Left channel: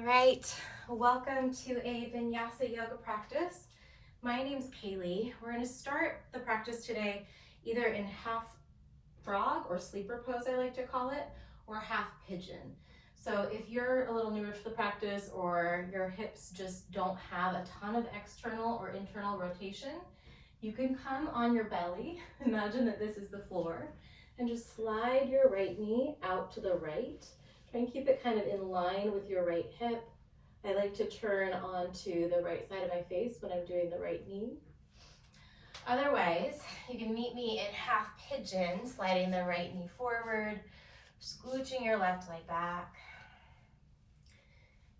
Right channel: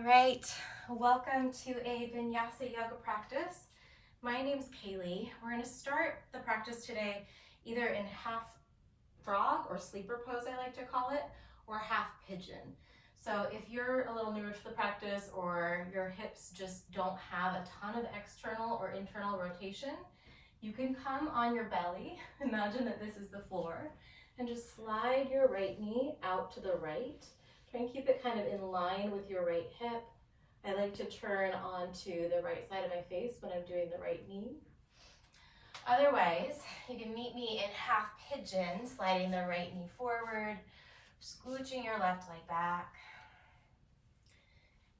All right, welcome to a Vinyasa yoga practice. My name's Kaylee. We're going to start the practice today either in half frog or sleeper pose, I like to call it, or half pigeon. So if you're a little newer to the practice or your hips just don't have a ton of external or internal rotation, you can come on your belly. Imagine that this is the floor and just slide your right knee out to the right. Try and keep it kind of in line with your right hip. I like to turn onto the right side of my face when I'm doing the right knee. Otherwise, you can meet me in half pigeon, sliding the right knee forward, scooching your left leg back.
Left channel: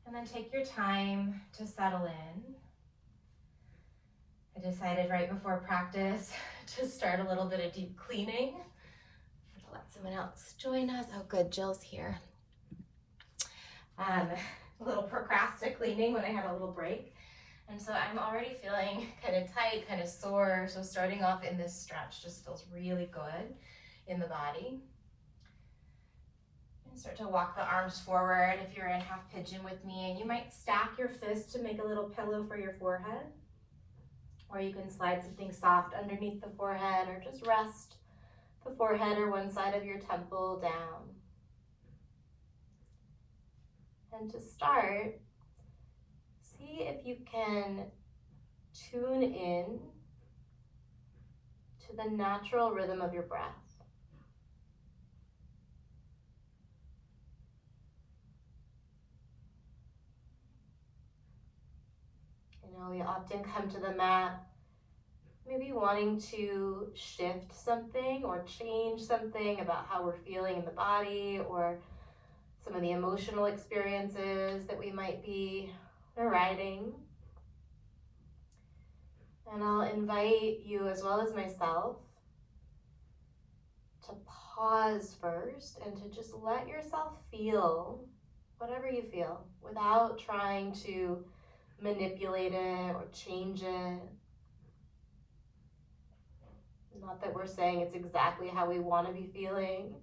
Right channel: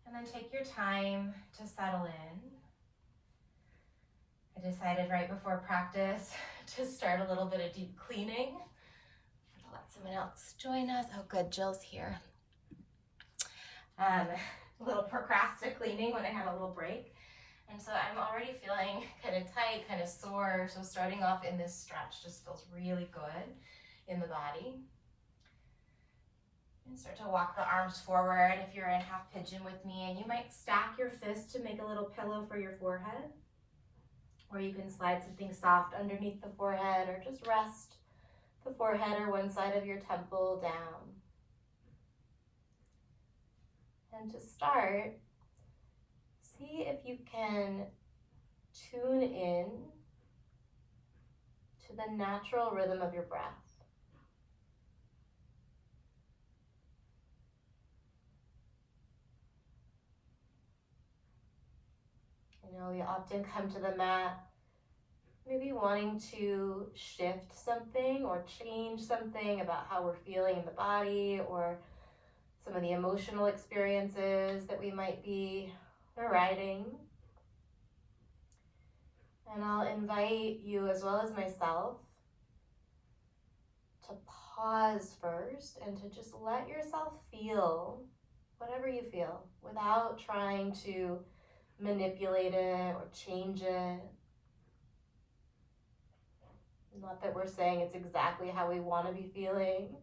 And then take your time to settle in. I decided right before practice to start a little bit of deep cleaning. I'll let someone else join us. Oh good, Jill's here. A little procrastinate cleaning when I had a little break. And so I'm already feeling kind of tight, kind of sore. So starting off in this stretch just feels really good in the body. And start to walk the arms forward if you're in half pigeon with me. And you might stack your fists to make a little pillow for your forehead. Or you can slide something soft underneath the forehead or just rest the forehead or one side of your temple down. And to start, see if you can tune in to the natural rhythm of your breath. I know we often come to the mat maybe wanting to shift something or change something about how we're feeling in the body or some of the emotional experiences that we might be riding. And I'll invite you, as well as myself, to pause first and to just let yourself feel whatever you feel without trying to manipulate it or change it. Not that we're saying it's exactly how we want to be feeling,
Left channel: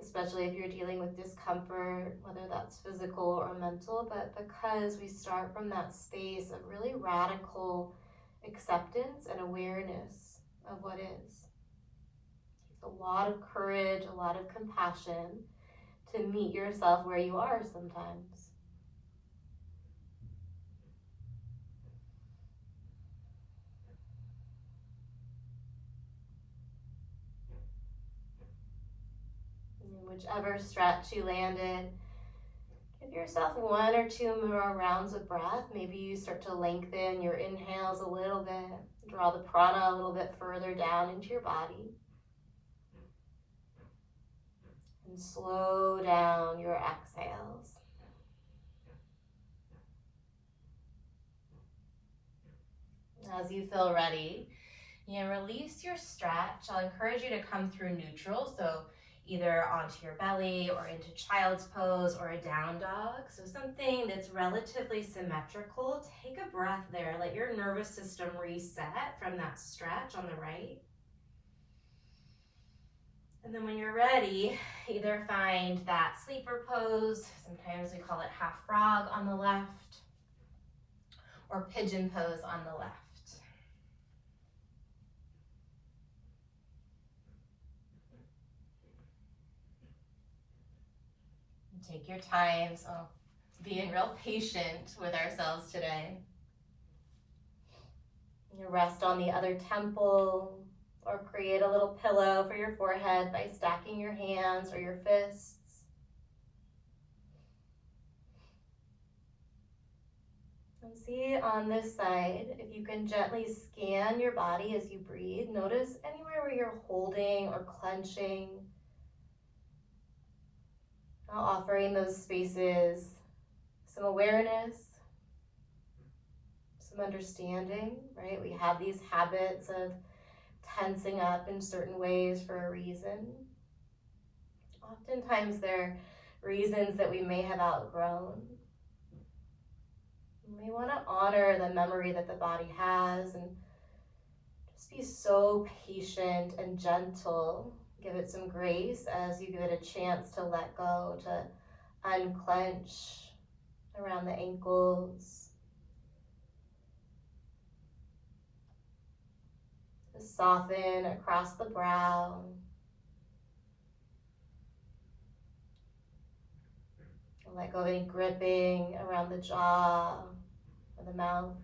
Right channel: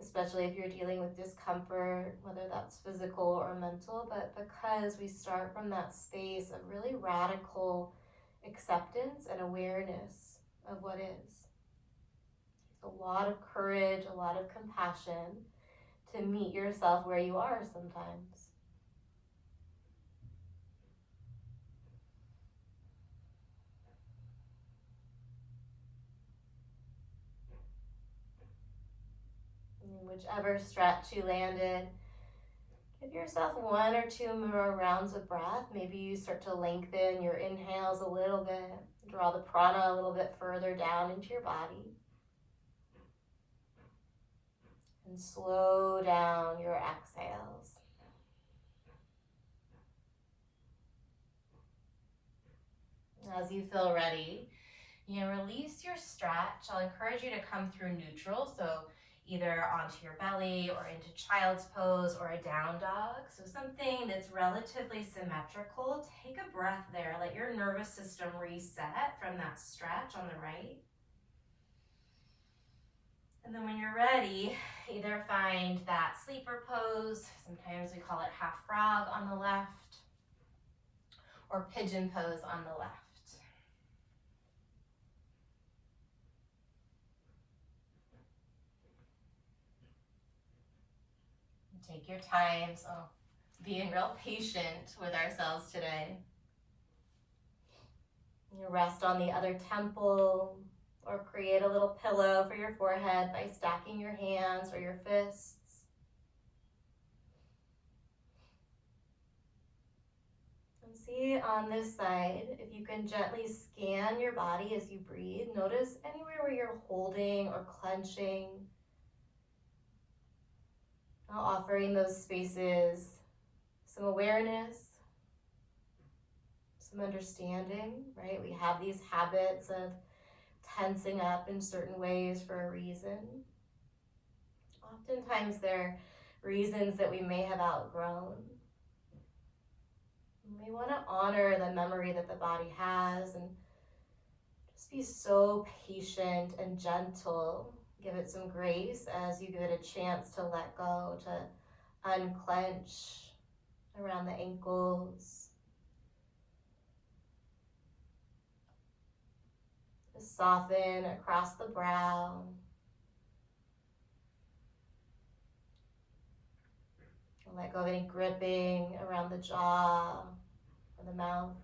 especially if you're dealing with discomfort, whether that's physical or mental, but because we start from that space of really radical acceptance and awareness of what is. It takes a lot of courage, a lot of compassion to meet yourself where you are sometimes. In whichever stretch you landed, give yourself one or two more rounds of breath. Maybe you start to lengthen your inhales a little bit, draw the prana a little bit further down into your body. And slow down your exhales. As you feel ready, you can release your stretch. I'll encourage you to come through neutral, so either onto your belly or into child's pose or a down dog. So something that's relatively symmetrical. Take a breath there. Let your nervous system reset from that stretch on the right. And then when you're ready, either find that sleeper pose, sometimes we call it half frog on the left, or pigeon pose on the left. Take your time, so being real patient with ourselves today. You rest on the other temple or create a little pillow for your forehead by stacking your hands or your fists. And see on this side, if you can gently scan your body as you breathe. Notice anywhere where you're holding or clenching. Now offering those spaces some awareness, some understanding, right? We have these habits of tensing up in certain ways for a reason. Oftentimes they're reasons that we may have outgrown. We want to honor the memory that the body has and just be so patient and gentle. Give it some grace as you give it a chance to let go, to unclench, around the ankles. Soften across the brow. And let go of any gripping around the jaw or the mouth.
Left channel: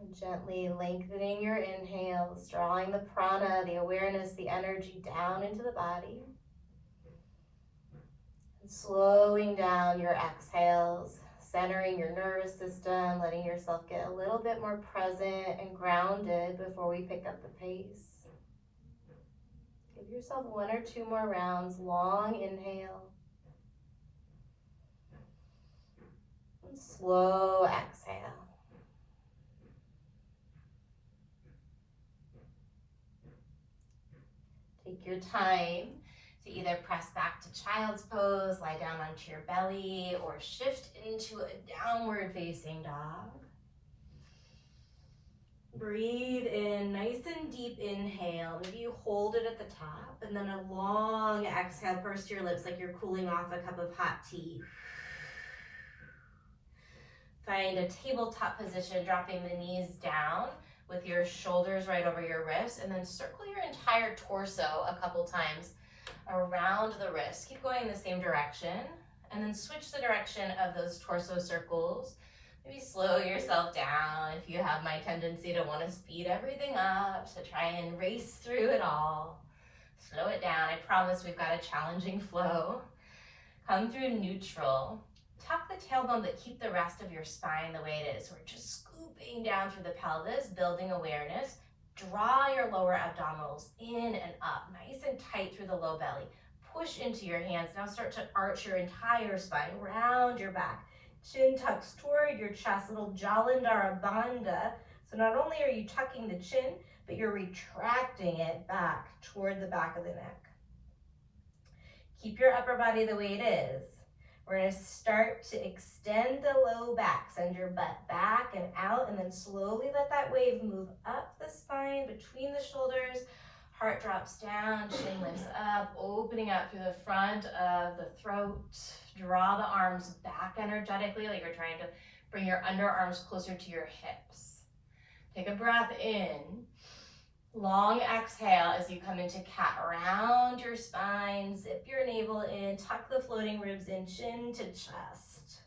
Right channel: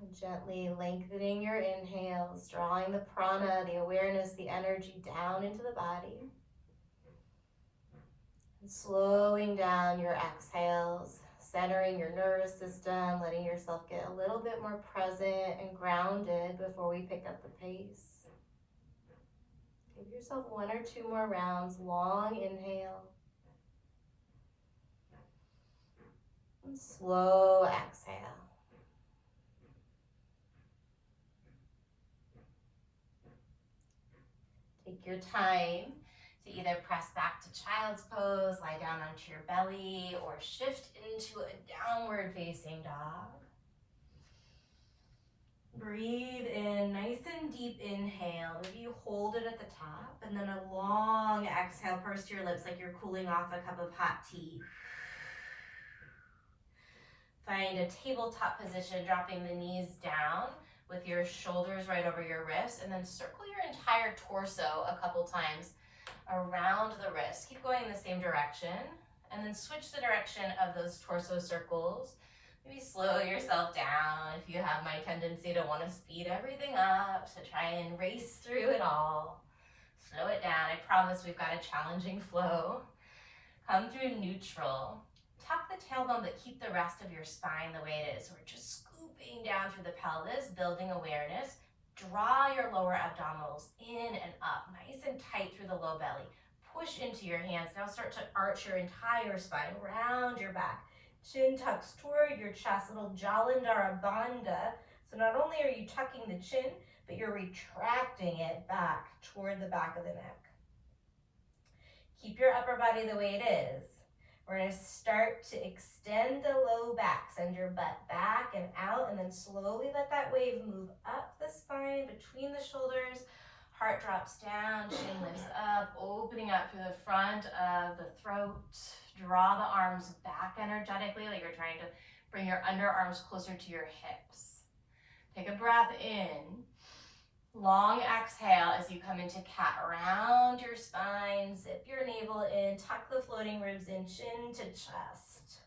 And gently lengthening your inhales, drawing the prana, the awareness, the energy down into the body. And slowing down your exhales, centering your nervous system, letting yourself get a little bit more present and grounded before we pick up the pace. Give yourself 1 or 2 more rounds. Long inhale. And slow exhale. Take your time to either press back to child's pose, lie down onto your belly, or shift into a downward facing dog. Breathe in, nice and deep inhale. Maybe you hold it at the top, and then a long exhale, purse to your lips like you're cooling off a cup of hot tea. Find a tabletop position, dropping the knees down with your shoulders right over your wrists, and then circle your entire torso a couple times around the wrist. Keep going in the same direction, and then switch the direction of those torso circles. Maybe slow yourself down if you have my tendency to want to speed everything up, to try and race through it all. Slow it down. I promise we've got a challenging flow. Come through neutral. Tuck the tailbone, but keep the rest of your spine the way it is. We're just scooping down through the pelvis, building awareness. Draw your lower abdominals in and up, nice and tight through the low belly. Push into your hands. Now start to arch your entire spine, round your back. Chin tucks toward your chest, little Jalandhara Bandha. So not only are you tucking the chin, but you're retracting it back toward the back of the neck. Keep your upper body the way it is. We're going to start to extend the low back. Send your butt back and out, and then slowly let that wave move up the spine, between the shoulders. Heart drops down, chin lifts up, opening up through the front of the throat. Draw the arms back energetically, like you're trying to bring your underarms closer to your hips. Take a breath in. Long exhale as you come into cat. Round your spine, zip your navel in, tuck the floating ribs in, chin to chest.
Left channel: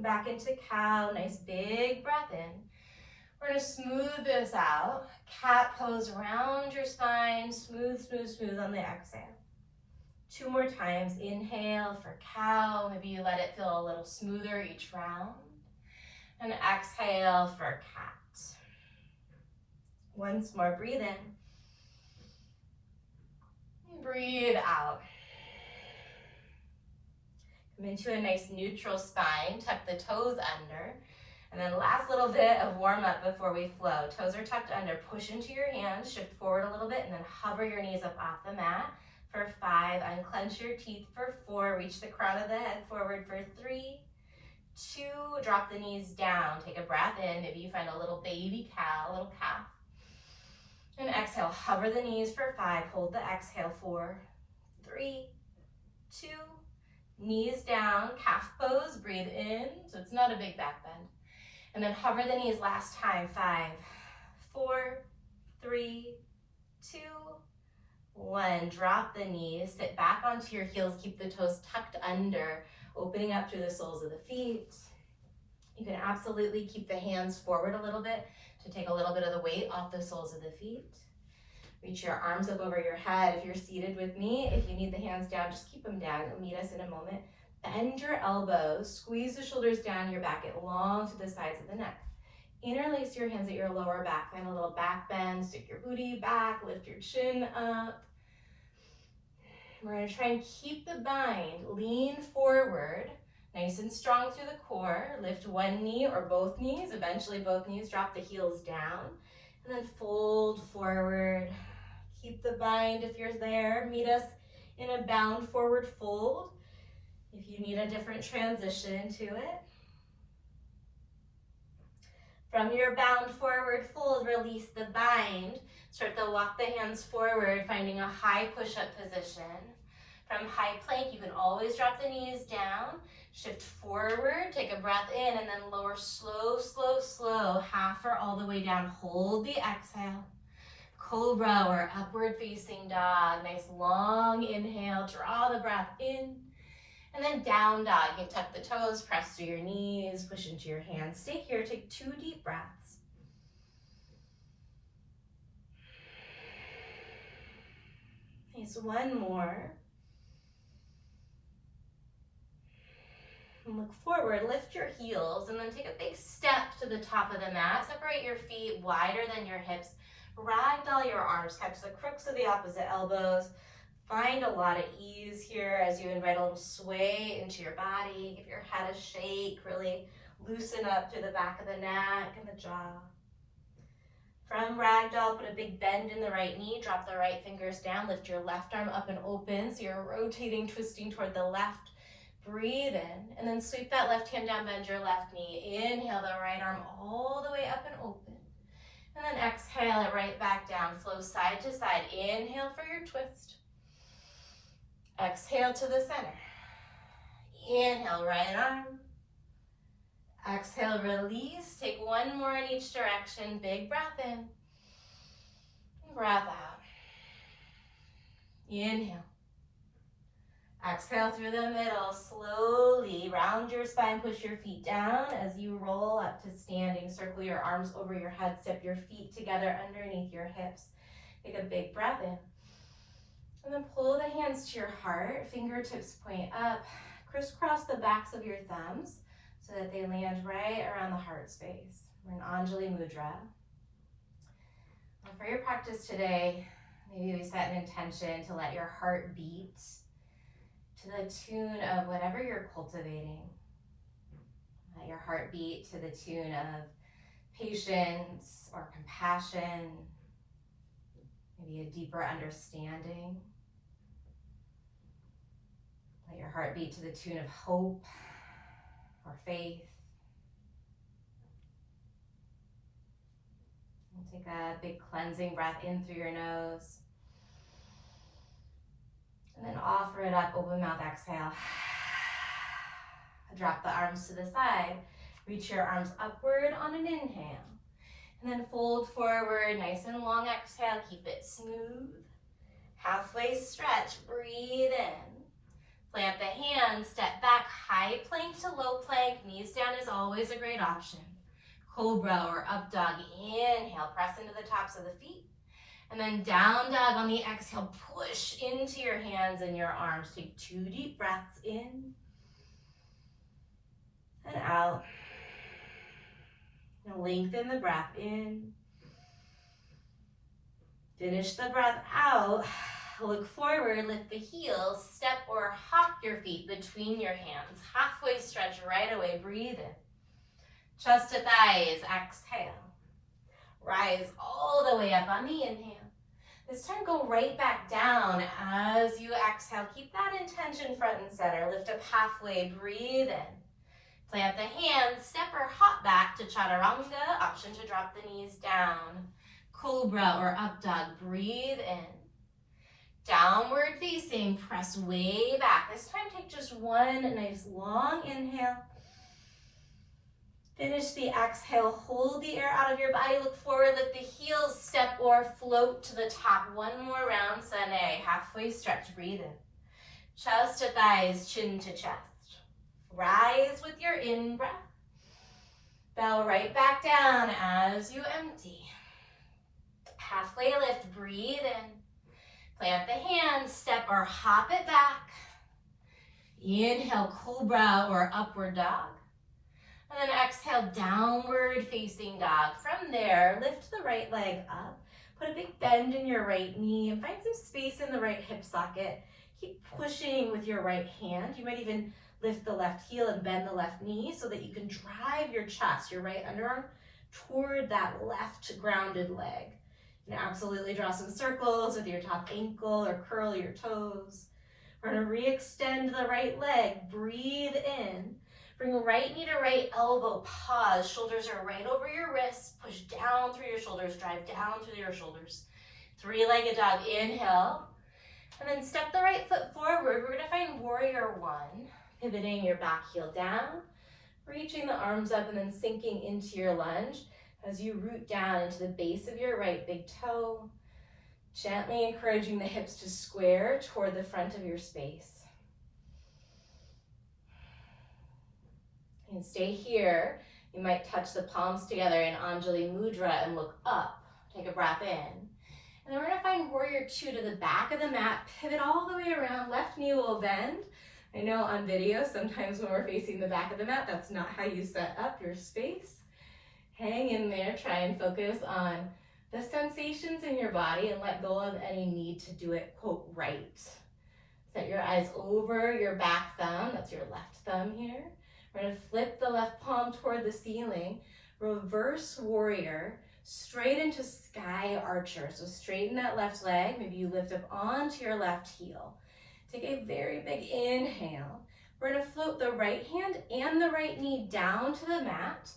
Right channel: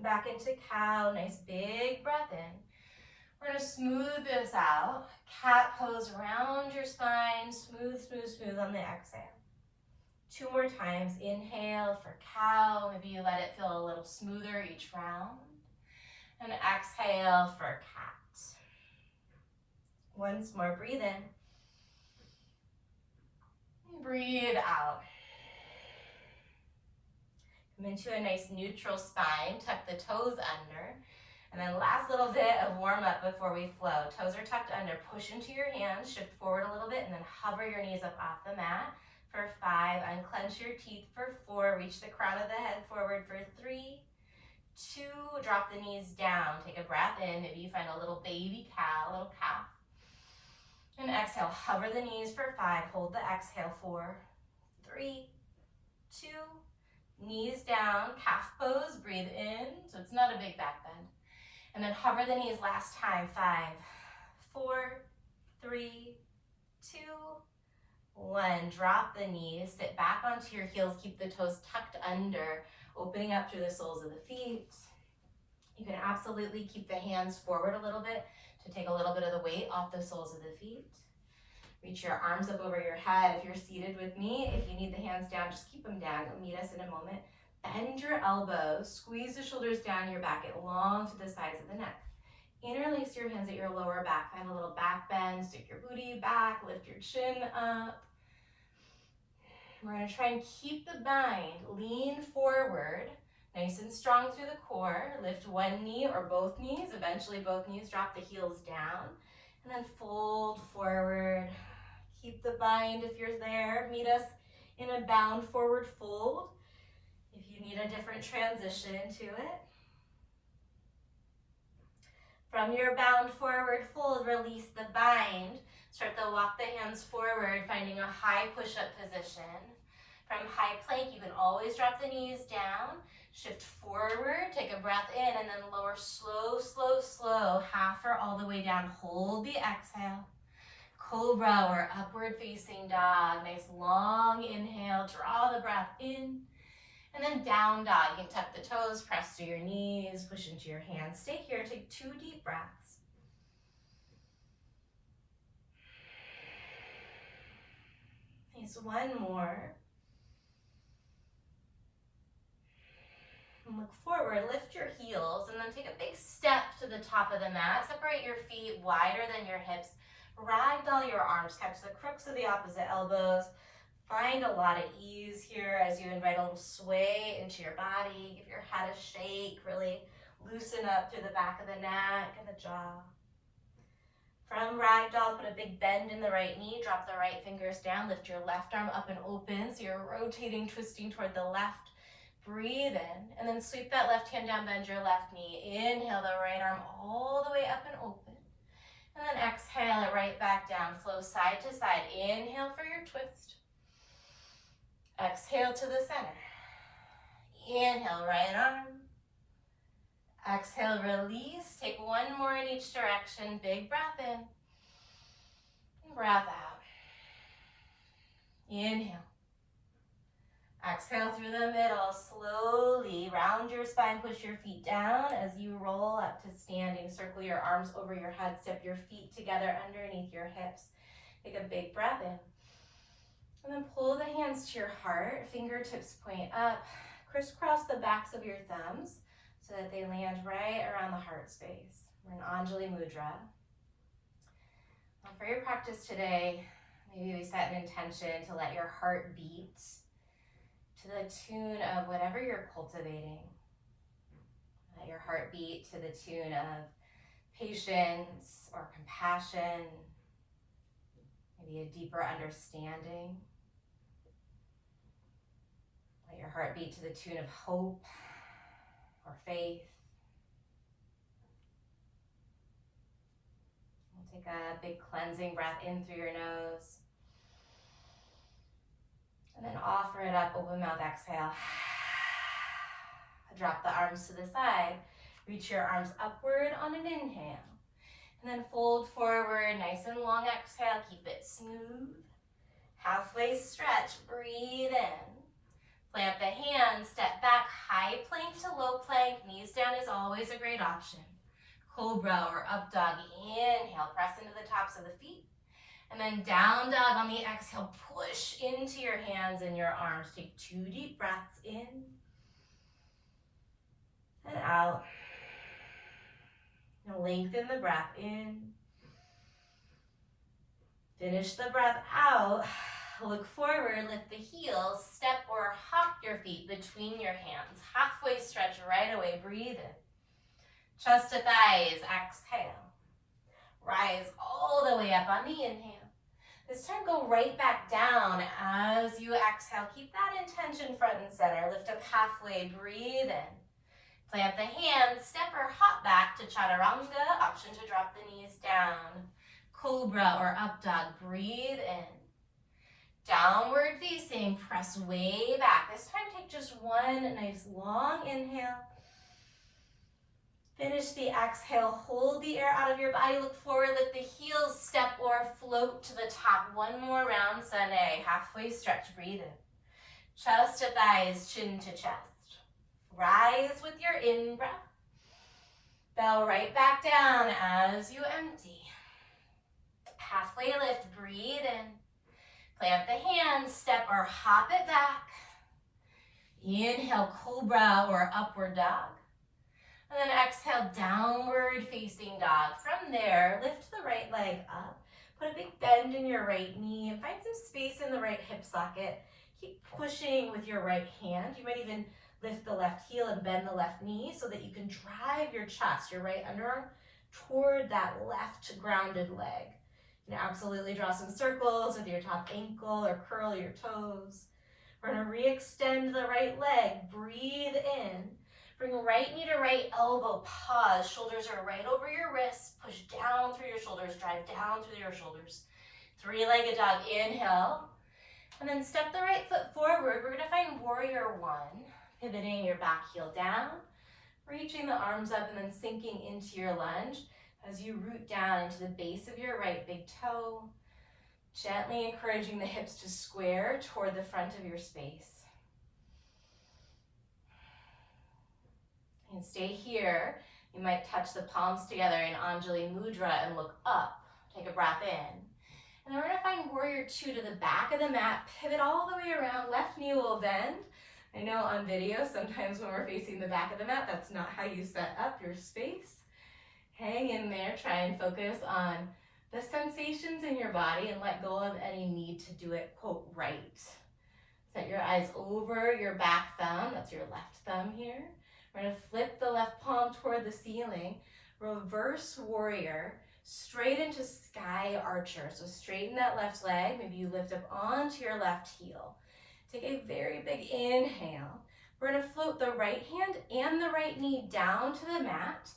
Back into cow, nice big breath in. We're gonna smooth this out. Cat pose, round your spine, smooth, smooth, smooth on the exhale. 2 more times. Inhale for cow. Maybe you let it feel a little smoother each round. And exhale for cat. Once more, breathe in. Breathe out. Come into a nice neutral spine. Tuck the toes under. And then last little bit of warm up before we flow. Toes are tucked under. Push into your hands. Shift forward a little bit and then hover your knees up off the mat for 5. Unclench your teeth for 4. Reach the crown of the head forward for 3, 2. Drop the knees down. Take a breath in. Maybe you find a little baby cow, a little calf. And exhale, hover the knees for 5. Hold the exhale, 4, 3, 2. Knees down, calf pose, breathe in. So it's not a big back bend. And then hover the knees last time, 5, 4, 3, 2, 1. Drop the knees, sit back onto your heels, keep the toes tucked under, opening up through the soles of the feet. You can absolutely keep the hands forward a little bit to take a little bit of the weight off the soles of the feet. Reach your arms up over your head if you're seated with me. If you need the hands down, just keep them down. You'll meet us in a moment. Bend your elbows, squeeze the shoulders down your back, get long to the sides of the neck. Interlace your hands at your lower back, find a little back bend, stick your booty back, lift your chin up. We're gonna try and keep the bind, lean forward, nice and strong through the core. Lift one knee or both knees, eventually both knees, drop the heels down, and then fold forward. Keep the bind if you're there. Meet us in a bound forward fold. If you need a different transition to it. From your bound forward fold, release the bind. Start to walk the hands forward, finding a high push-up position. From high plank, you can always drop the knees down. Shift forward, take a breath in, and then lower slow, slow, slow, half or all the way down. Hold the exhale. Cobra or upward facing dog. Nice long inhale, draw the breath in. And then down dog. You can tuck the toes, press through your knees, push into your hands. Stay here, take 2 deep breaths. Nice, one more. And look forward, lift your heels, and then take a big step to the top of the mat. Separate your feet wider than your hips. Ragdoll your arms, catch the crooks of the opposite elbows. Find a lot of ease here as you invite a little sway into your body. Give your head a shake, really loosen up through the back of the neck and the jaw. From ragdoll, put a big bend in the right knee, drop the right fingers down, lift your left arm up and open, so you're rotating, twisting toward the left. Breathe in, and then sweep that left hand down, bend your left knee. Inhale the right arm all the way up and open. And then exhale it right back down, flow side to side. Inhale for your twist. Exhale to the center. Inhale, right arm. Exhale, release. Take one more in each direction. Big breath in. Breath out. Inhale. Exhale through the middle. Slowly round your spine. Push your feet down as you roll up to standing. Circle your arms over your head. Step your feet together underneath your hips. Take a big breath in. And then pull the hands to your heart. Fingertips point up. Crisscross the backs of your thumbs so that they land right around the heart space. We're in Anjali Mudra. Now for your practice today, maybe we set an intention to let your heart beat to the tune of whatever you're cultivating. Let your heart beat to the tune of patience or compassion, maybe a deeper understanding. Let your heart beat to the tune of hope or faith. We'll take a big cleansing breath in through your nose. And then offer it up, open mouth, exhale. Drop the arms to the side. Reach your arms upward on an inhale. And then fold forward, nice and long exhale. Keep it smooth. Halfway stretch, breathe in. Plant the hands, step back, high plank to low plank. Knees down is always a great option. Cobra or up dog, inhale, press into the tops of the feet. And then down dog on the exhale, push into your hands and your arms. Take 2 deep breaths in and out. And lengthen the breath in. Finish the breath out. Look forward, lift the heels, step or hop your feet between your hands. Halfway stretch right away, breathe in. Chest to thighs, exhale. Rise all the way up on the inhale. This time go right back down as you exhale. Keep that intention front and center. Lift up halfway, breathe in. Plant the hands, step or hop back to chaturanga. Option to drop the knees down. Cobra or up dog, breathe in. Downward facing, press way back. This time take just one nice long inhale. Finish the exhale, hold the air out of your body, look forward, lift the heels, step or float to the top. One more round, Sane, halfway stretch, breathe in. Chest to thighs, chin to chest. Rise with your in-breath. Bow right back down as you empty. Halfway lift, breathe in. Plant the hands, step or hop it back. Inhale, cobra or upward dog. And then exhale, downward facing dog. From there, lift the right leg up. Put a big bend in your right knee and find some space in the right hip socket. Keep pushing with your right hand. You might even lift the left heel and bend the left knee so that you can drive your chest, your right underarm, toward that left grounded leg. You can absolutely draw some circles with your top ankle or curl your toes. We're gonna re-extend the right leg, breathe in. Bring right knee to right elbow, pause. Shoulders are right over your wrists. Push down through your shoulders, drive down through your shoulders. Three-legged dog, inhale. And then step the right foot forward. We're gonna find warrior one. Pivoting your back heel down, reaching the arms up and then sinking into your lunge as you root down into the base of your right big toe, gently encouraging the hips to square toward the front of your space. And stay here. You might touch the palms together in Anjali Mudra and look up. Take a breath in. And then we're gonna find warrior two to the back of the mat, pivot all the way around, left knee will bend. I know on video, sometimes when we're facing the back of the mat, that's not how you set up your space. Hang in there, try and focus on the sensations in your body and let go of any need to do it, quote, right. Set your eyes over your back thumb, that's your left thumb here. We're gonna flip the left palm toward the ceiling, reverse warrior, straight into sky archer. So straighten that left leg, maybe you lift up onto your left heel. Take a very big inhale. We're gonna float the right hand and the right knee down to the mat.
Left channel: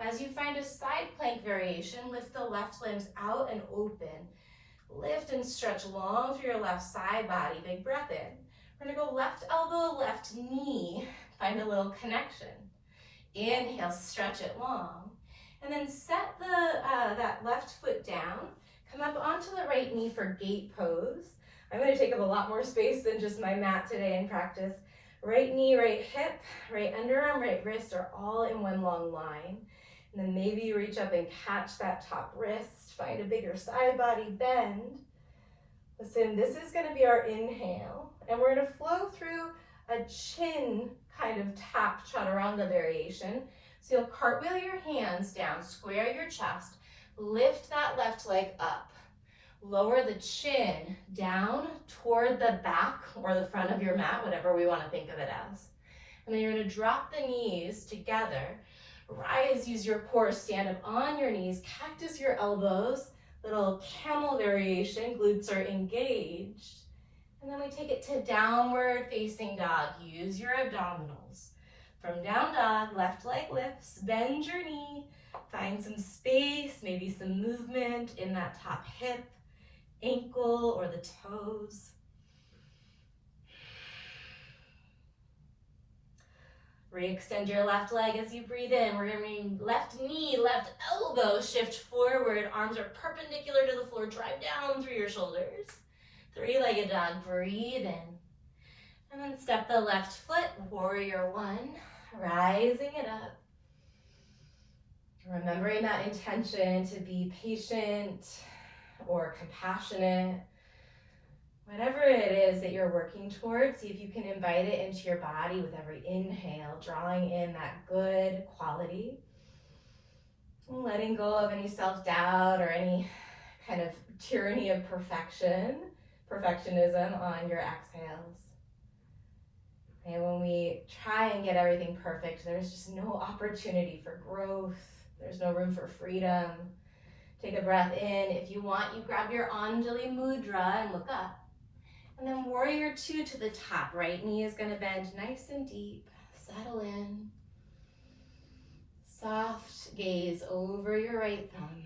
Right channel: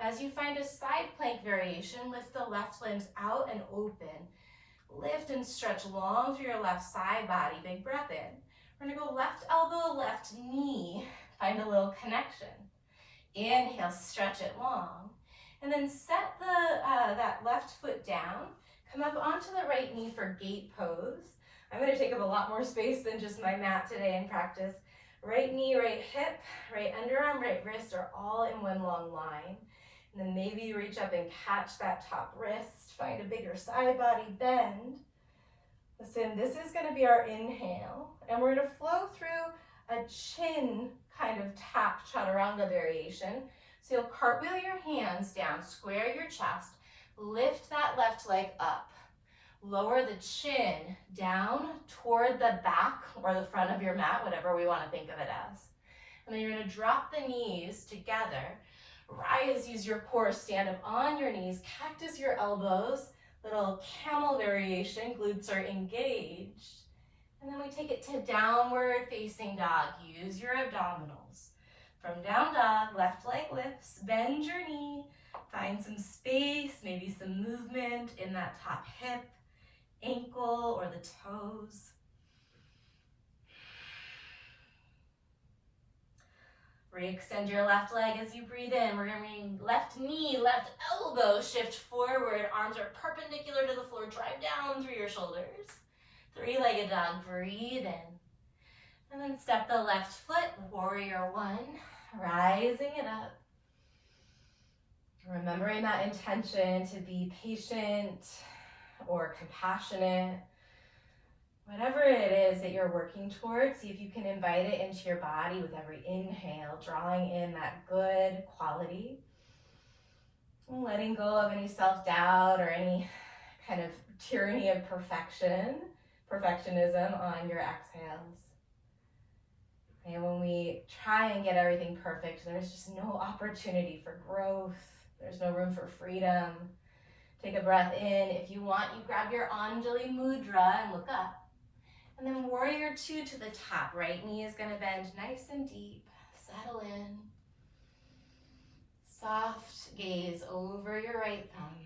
As you find a side plank variation, lift the left limbs out and open. Lift and stretch long through your left side body, big breath in. We're gonna go left elbow, left knee, find a little connection. Inhale, stretch it long. And then set that left foot down, come up onto the right knee for gate pose. I'm gonna take up a lot more space than just my mat today in practice. Right knee, right hip, right underarm, right wrist are all in one long line. And then maybe you reach up and catch that top wrist, find a bigger side body bend. Listen, this is gonna be our inhale, and we're gonna flow through a chin kind of tap chaturanga variation. So you'll cartwheel your hands down, square your chest, lift that left leg up, lower the chin down toward the back or the front of your mat, whatever we want to think of it as. And then you're going to drop the knees together, rise, use your core, stand up on your knees, cactus your elbows, little camel variation, glutes are engaged. And then we take it to downward facing dog, use your abdominals. From down dog, left leg lifts, bend your knee, find some space, maybe some movement in that top hip, ankle, or the toes. Re-extend your left leg as you breathe in. We're gonna bring left knee, left elbow, shift forward. Arms are perpendicular to the floor, drive down through your shoulders. Three-legged dog, breathe in. And then step the left foot, warrior one, rising it up. Remembering that intention to be patient or compassionate. Whatever it is that you're working towards, see if you can invite it into your body with every inhale, drawing in that good quality. And letting go of any self-doubt or any kind of tyranny of perfectionism on your exhales. And when we try and get everything perfect, there's just no opportunity for growth. There's no room for freedom. Take a breath in. If you want, you grab your Anjali Mudra and look up. And then warrior two to the top. Right knee is gonna bend nice and deep. Settle in. Soft gaze over your right thumb.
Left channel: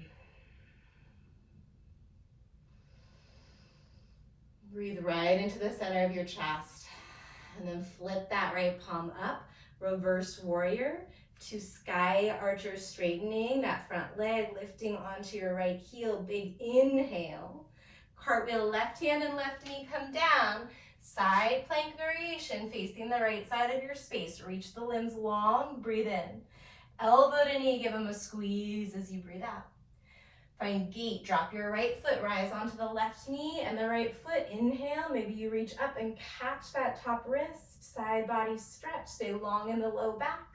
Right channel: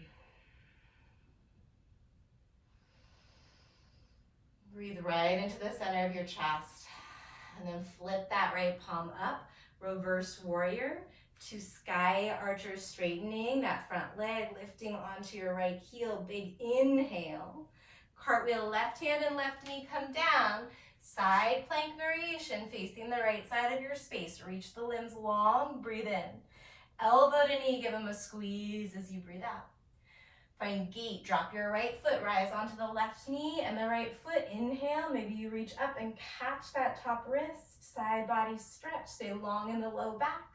Breathe right into the center of your chest. And then flip that right palm up, reverse warrior to sky archer straightening, that front leg lifting onto your right heel, big inhale. Cartwheel left hand and left knee come down, side plank variation facing the right side of your space. Reach the limbs long, breathe in. Elbow to knee, give them a squeeze as you breathe out. Find gate, drop your right foot, rise onto the left knee and the right foot. Inhale, maybe you reach up and catch that top wrist, side body stretch, stay long in the low back.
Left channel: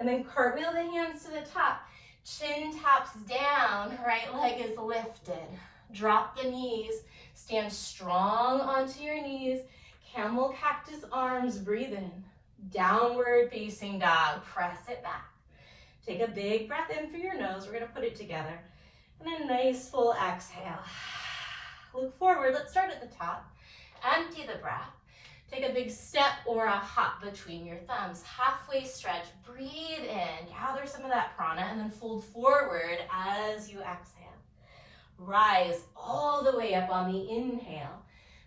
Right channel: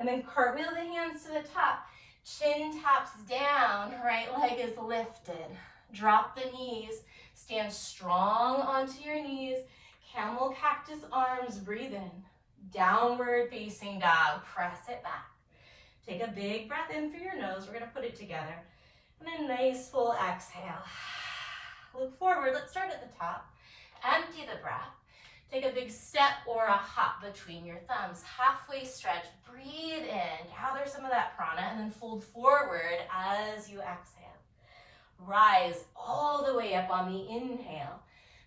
And then cartwheel the hands to the top, chin taps down, right leg is lifted. Drop the knees, stand strong onto your knees, camel cactus arms, breathe in. Downward facing dog, press it back. Take a big breath in through your nose, we're gonna put it together. And a nice full exhale. Look forward, let's start at the top. Empty the breath. Take a big step or a hop between your thumbs. Halfway stretch, breathe in, gather some of that prana, and then fold forward as you exhale. Rise all the way up on the inhale.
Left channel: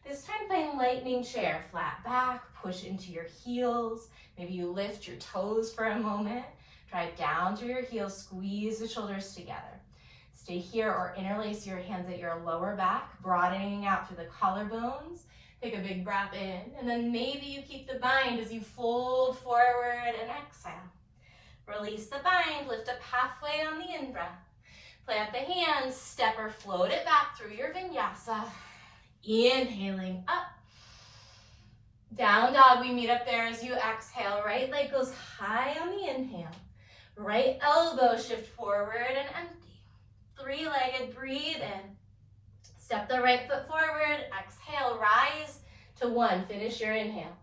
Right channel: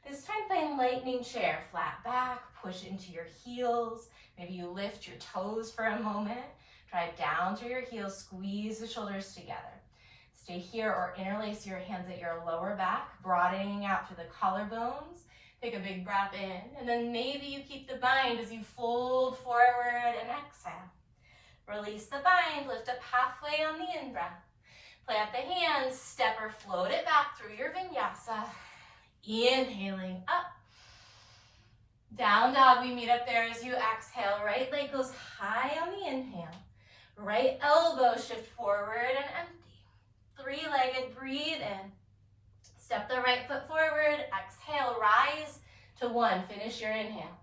This time find lightning chair, flat back, push into your heels. Maybe you lift your toes for a moment. Drive down through your heels, squeeze the shoulders together. Stay here or interlace your hands at your lower back, broadening out through the collarbones. Take a big breath in, and then maybe you keep the bind as you fold forward and exhale. Release the bind, lift up halfway on the in-breath. Plant the hands, step or float it back through your vinyasa. Inhaling up. Down dog, we meet up there as you exhale. Right leg goes high on the inhale. Right elbow shift forward and empty. Three-legged, breathe in. Step the right foot forward, exhale, rise to one. Finish your inhale.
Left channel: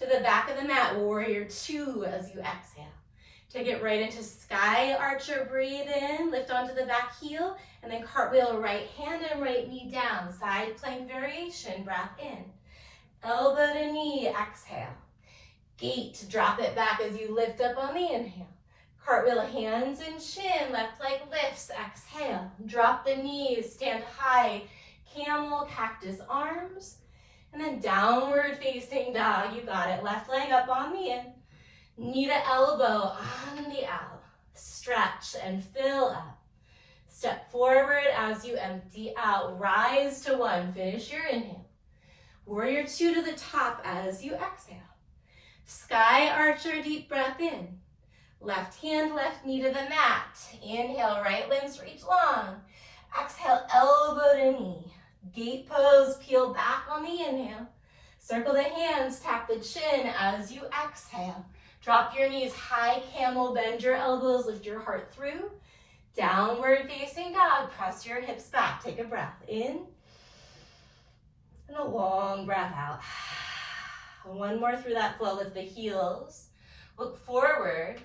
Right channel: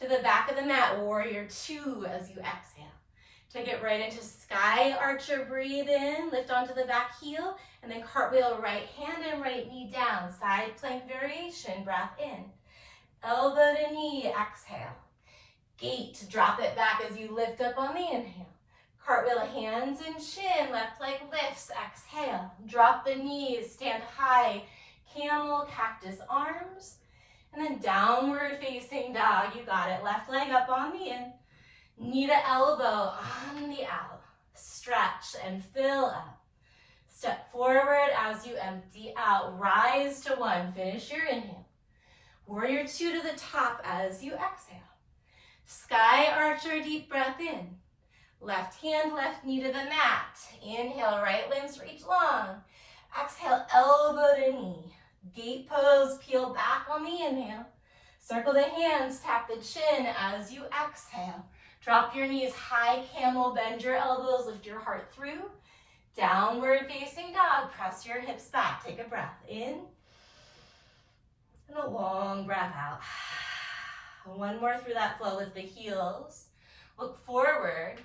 To the back of the mat, warrior two as you exhale. Take it right into sky archer, breathe in, lift onto the back heel, and then cartwheel right hand and right knee down. Side plank variation, breath in. Elbow to knee, exhale. Gate, drop it back as you lift up on the inhale. Cartwheel hands and chin, left leg lifts, exhale. Drop the knees, stand high, camel, cactus arms. And then downward facing dog, you got it. Left leg up on the in, knee to elbow on the out. Stretch and fill up. Step forward as you empty out. Rise to one, finish your inhale. Warrior two to the top as you exhale. Sky archer, deep breath in. Left hand, left knee to the mat. Inhale, right limbs reach long. Exhale, elbow to knee. Gate pose, peel back on the inhale. Circle the hands, tap the chin as you exhale. Drop your knees high, camel, bend your elbows, lift your heart through. Downward facing dog, press your hips back. Take a breath in. And a long breath out. One more through that flow, lift the heels. Look forward.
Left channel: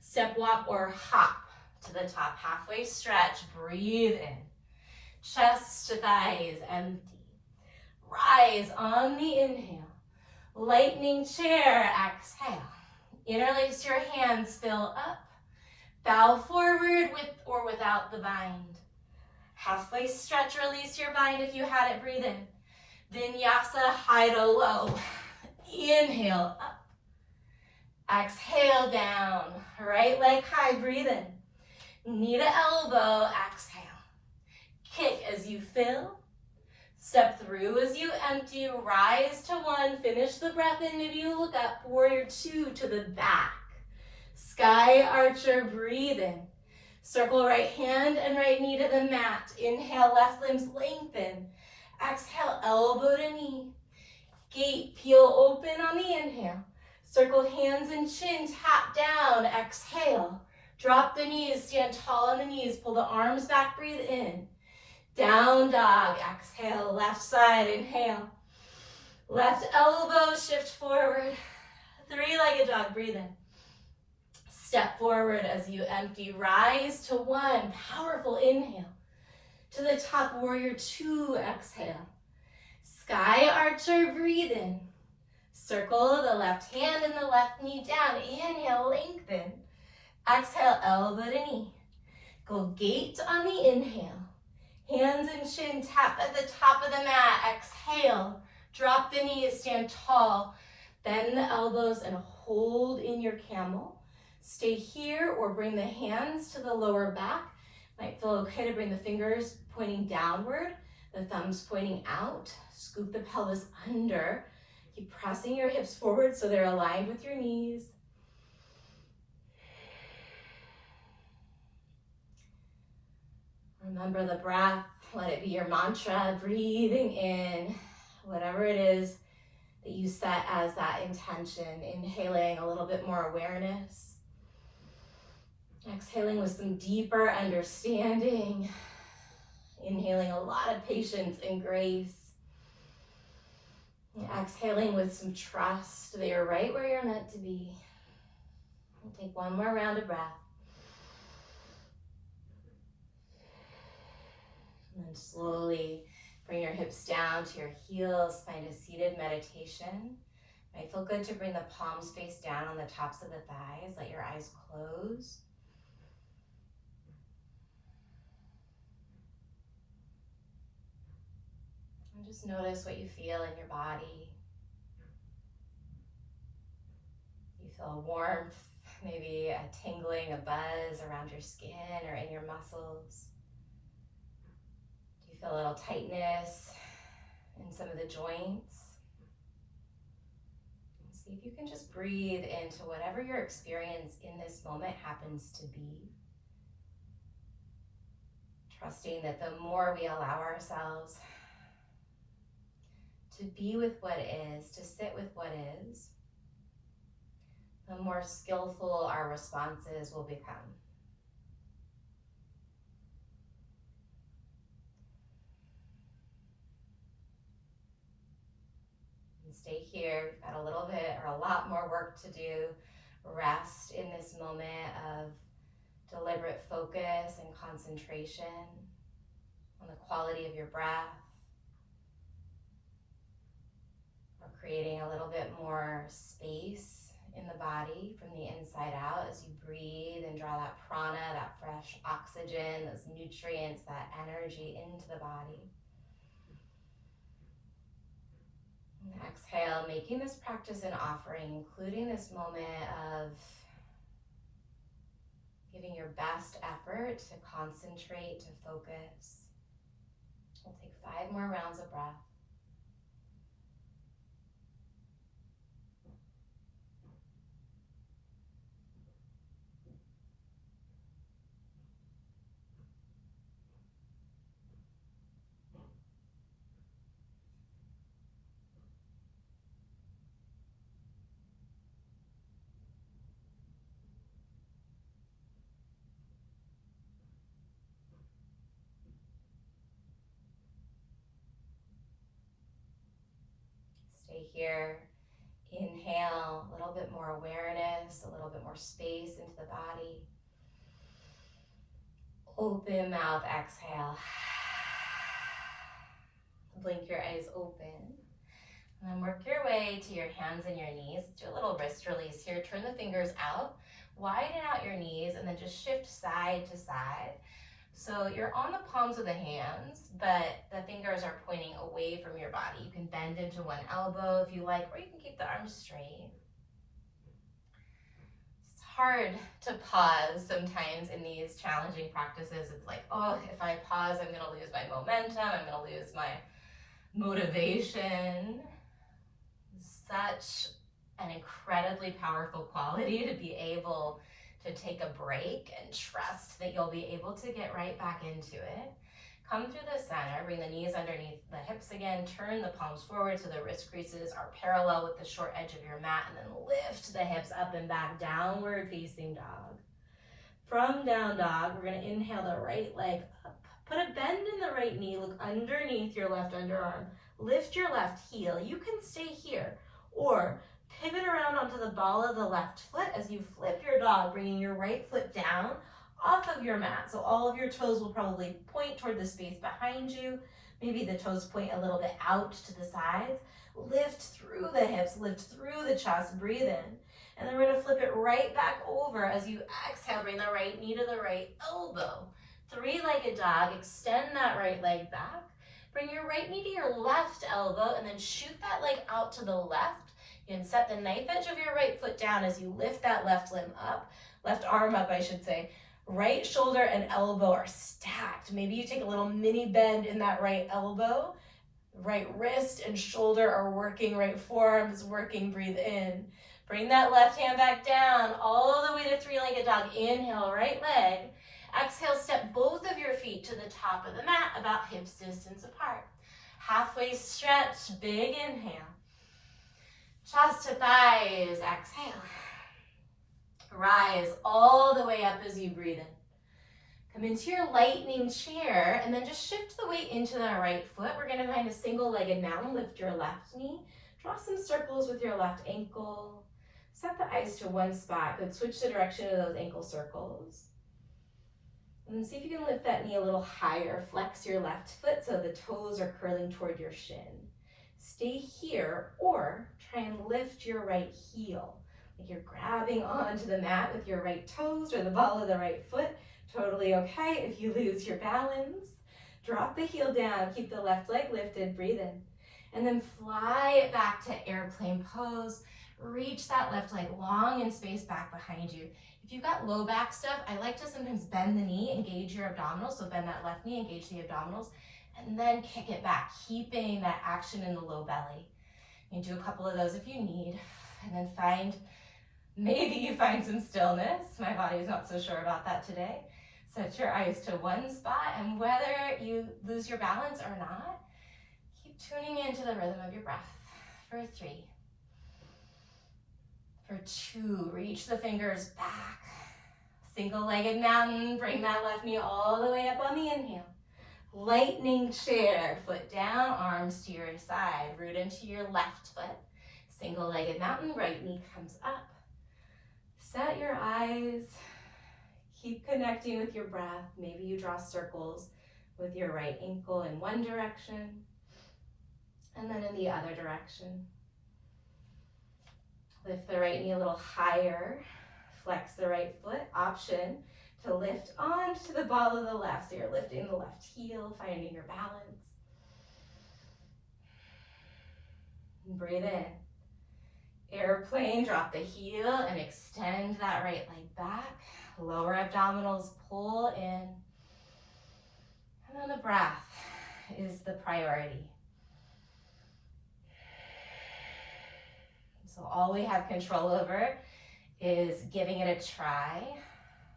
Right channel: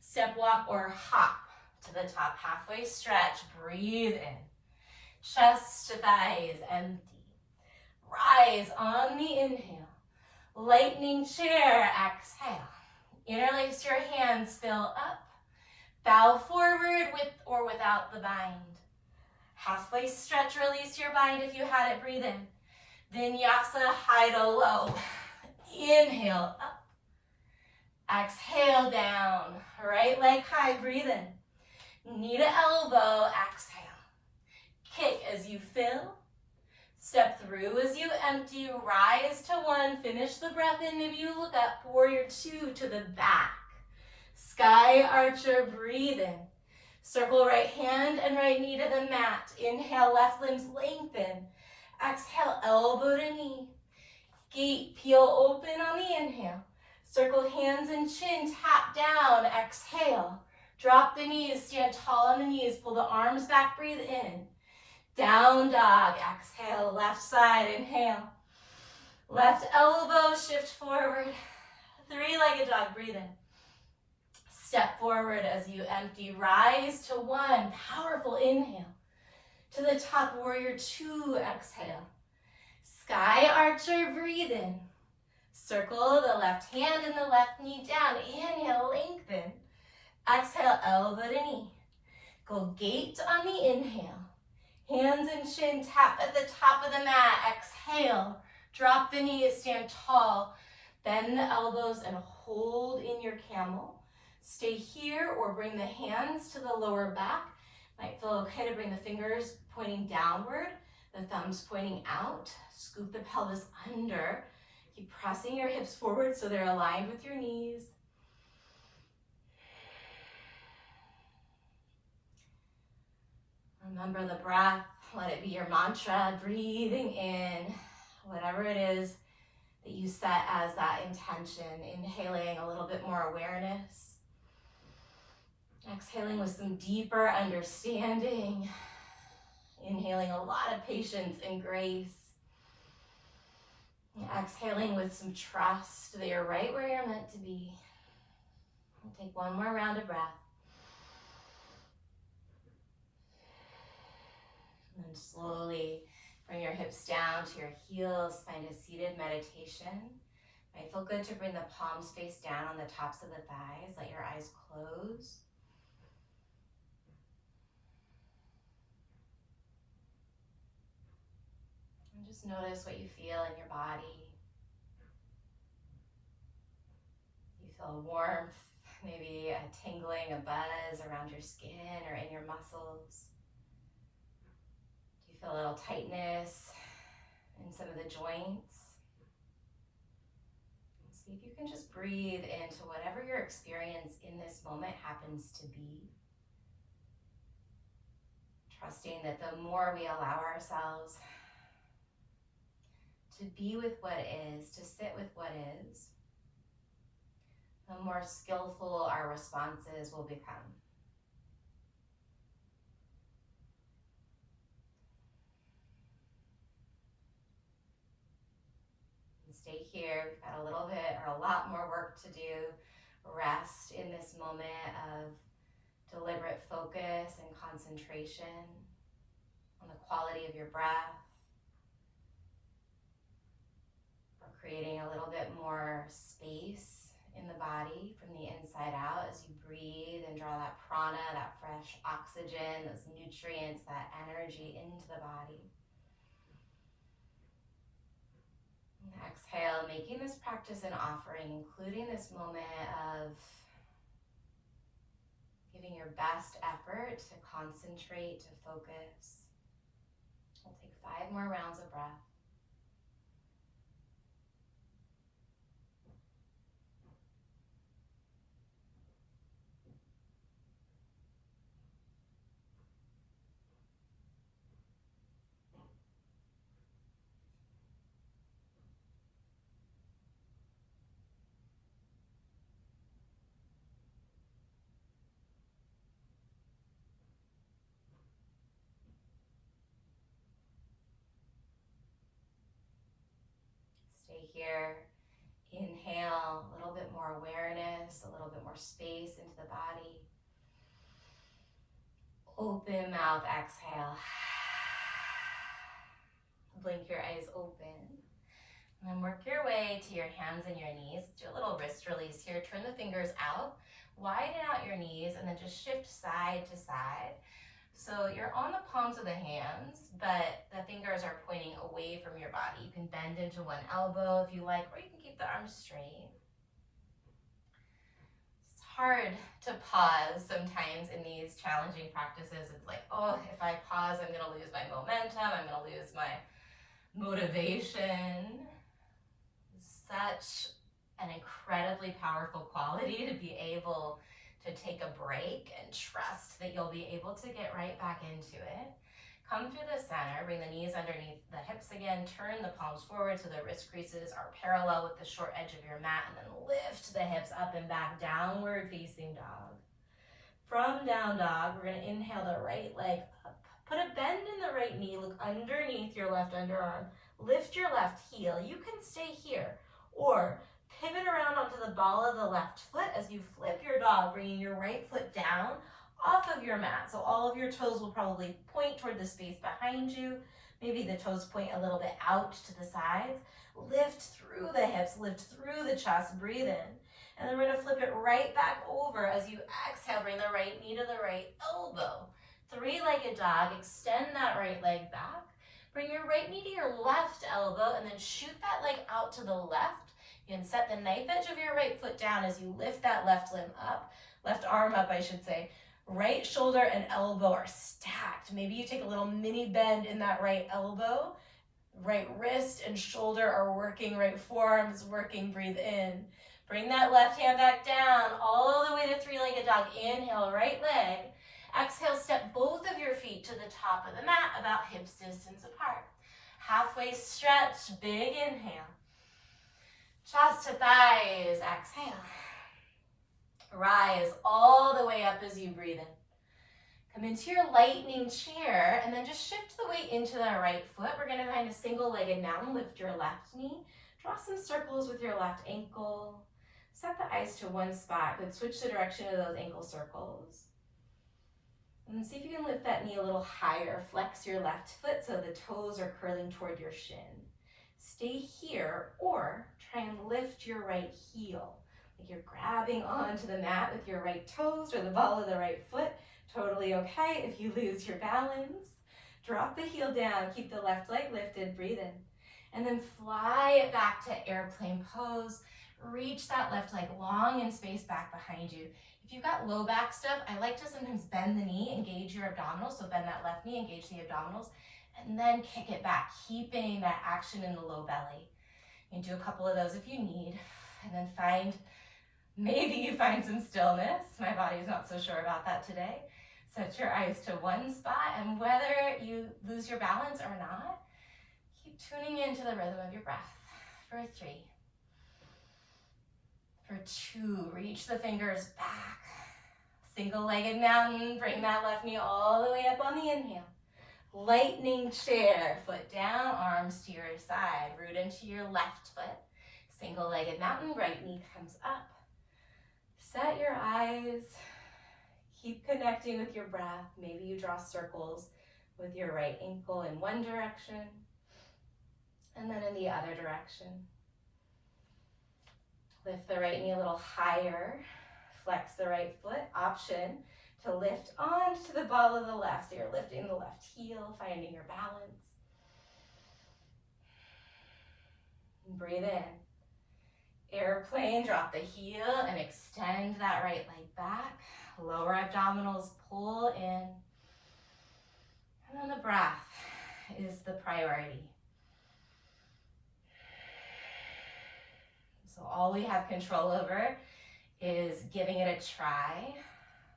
Step, walk, or hop to the top. Halfway stretch, breathe in. Chest to thighs, empty. Rise on the inhale. Lightning chair, exhale. Interlace your hands, fill up. Bow forward with or without the bind. Halfway stretch, release your bind if you had it, breathe in. Vinyasa, high to low. Inhale, up. Exhale down, right leg high, breathe in. Knee to elbow, exhale. Kick as you fill. Step through as you empty, rise to one, finish the breath in. Maybe you look up, warrior two to the back. Sky archer, breathe in. Circle right hand and right knee to the mat. Inhale, left limbs lengthen. Exhale, elbow to knee. Gate, peel open on the inhale. Circle hands and chin, tap down, exhale. Drop the knees, stand tall on the knees, pull the arms back, breathe in. Down dog, exhale, left side, inhale. Left elbow, shift forward. Three-legged dog, breathe in. Step forward as you empty, rise to one, powerful inhale. To the top, warrior two, exhale. Sky archer, breathe in. Circle the left hand and the left knee down. Inhale, lengthen. Exhale, elbow to knee. Go gate on the inhale. Hands and chin tap at the top of the mat. Exhale. Drop the knees, stand tall. Bend the elbows and hold in your camel. Stay here or bring the hands to the lower back. Might feel okay to bring the fingers pointing downward, the thumbs pointing out. Scoop the pelvis under. Keep pressing your hips forward so they're aligned with your knees. Remember the breath. Let it be your mantra. Breathing in whatever it is that you set as that intention. Inhaling a little bit more awareness. Exhaling with some deeper understanding. Inhaling a lot of patience and grace. Exhaling with some trust that you're right where you're meant to be. We'll take one more round of breath. And then slowly bring your hips down to your heels. Find a seated meditation. Might feel good to bring the palms face down on the tops of the thighs. Let your eyes close. And just notice what you feel in your body. You feel warmth, maybe a tingling, a buzz around your skin or in your muscles. Do you feel a little tightness in some of the joints? See if you can just breathe into whatever your experience in this moment happens to be. Trusting that the more we allow ourselves to be with what is, to sit with what is, the more skillful our responses will become. And stay here. We've got a little bit or a lot more work to do. Rest in this moment of deliberate focus and concentration on the quality of your breath. We're creating a little bit more space in the body from the inside out as you breathe and draw that prana, that fresh oxygen, those nutrients, that energy into the body. And exhale, making this practice an offering, including this moment of giving your best effort to concentrate, to focus. We'll take 5 more rounds of breath. Stay here. Inhale, a little bit more awareness, a little bit more space into the body. Open mouth, exhale. Blink your eyes open. And then work your way to your hands and your knees. Let's do a little wrist release here. Turn the fingers out, widen out your knees, and then just shift side to side. So you're on the palms of the hands, but the fingers are pointing away from your body. You can bend into one elbow if you like, or you can keep the arms straight. It's hard to pause sometimes in these challenging practices. It's like, oh, if I pause, I'm gonna lose my momentum, I'm gonna lose my motivation. Such an incredibly powerful quality to be able to take a break and trust that you'll be able to get right back into it. Come through the center, bring the knees underneath the hips again, turn the palms forward so the wrist creases are parallel with the short edge of your mat, and then lift the hips up and back, downward facing dog. From down dog, we're gonna inhale the right leg up. Put a bend in the right knee, look underneath your left underarm. Lift your left heel. You can stay here, or pivot around onto the ball of the left foot as you flip your dog, bringing your right foot down off of your mat. So all of your toes will probably point toward the space behind you. Maybe the toes point a little bit out to the sides. Lift through the hips, lift through the chest, breathe in. And then we're gonna flip it right back over as you exhale, bring the right knee to the right elbow. 3-legged dog, extend that right leg back. Bring your right knee to your left elbow and then shoot that leg out to the left. You can set the knife edge of your right foot down as you lift that left limb up, left arm up, I should say. Right shoulder and elbow are stacked. Maybe you take a little mini bend in that right elbow. Right wrist and shoulder are working, right forearm is working, breathe in. Bring that left hand back down, all the way to 3-legged dog. Inhale, right leg. Exhale, step both of your feet to the top of the mat, about hips distance apart. Halfway stretch, big inhale. Chest to thighs, exhale. Rise all the way up as you breathe in. Come into your lightning chair and then just shift the weight into the right foot. We're gonna find a single-legged now. Lift your left knee. Draw some circles with your left ankle. Set the eyes to one spot. Good, switch the direction of those ankle circles. And then see if you can lift that knee a little higher. Flex your left foot so the toes are curling toward your shin. stay here or try and lift your right heel. Like you're grabbing onto the mat with your right toes or the ball of the right foot. Totally okay if you lose your balance. Drop the heel down, keep the left leg lifted, breathe in. And then fly it back to airplane pose. Reach that left leg long and space back behind you. If you've got low back stuff, I like to sometimes bend the knee, engage your abdominals. So bend that left knee, engage the abdominals, and then kick it back, keeping that action in the low belly. You can do a couple of those if you need, and then maybe you find some stillness. My body is not so sure about that today. Set your eyes to one spot, and whether you lose your balance or not, keep tuning into the rhythm of your breath. For 3. For 2, reach the fingers back. Single-legged mountain, bring that left knee all the way up on the inhale. Lightning chair, foot down, arms to your side, root into your left foot. Single-legged mountain, right knee comes up. Set your eyes, keep connecting with your breath. Maybe you draw circles with your right ankle in one direction, and then in the other direction. Lift the right knee a little higher, flex the right foot. Option to lift onto the ball of the left, so you're lifting the left heel, finding your balance. Breathe in. Airplane, drop the heel and extend that right leg back. Lower abdominals, pull in. And then the breath is the priority. So all we have control over is giving it a try.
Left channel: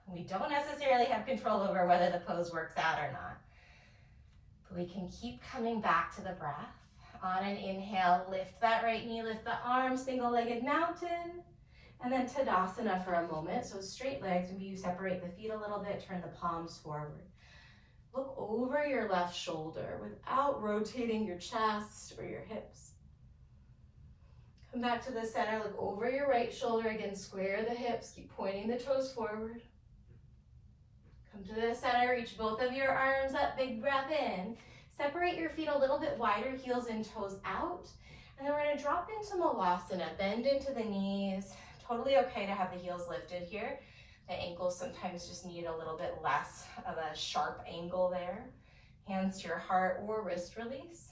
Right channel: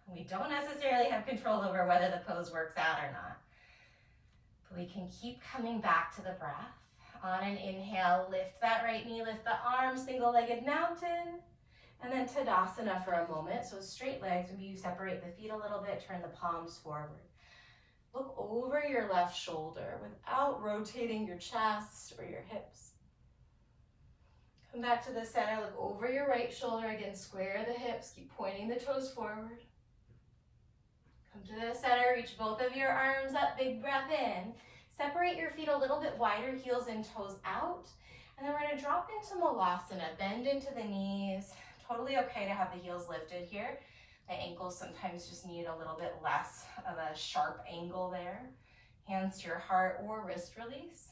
We don't necessarily have control over whether the pose works out or not. But we can keep coming back to the breath. On an inhale, lift that right knee, lift the arms, single-legged mountain. And then Tadasana for a moment. So straight legs, maybe you separate the feet a little bit, turn the palms forward. Look over your left shoulder without rotating your chest or your hips. Come back to the center, look over your right shoulder, again, square the hips, keep pointing the toes forward. Come to the center, reach both of your arms up, big breath in. Separate your feet a little bit wider, heels and toes out. And then we're gonna drop into Malasana, bend into the knees. Totally okay to have the heels lifted here. The ankles sometimes just need a little bit less of a sharp angle there. Hands to your heart or wrist release.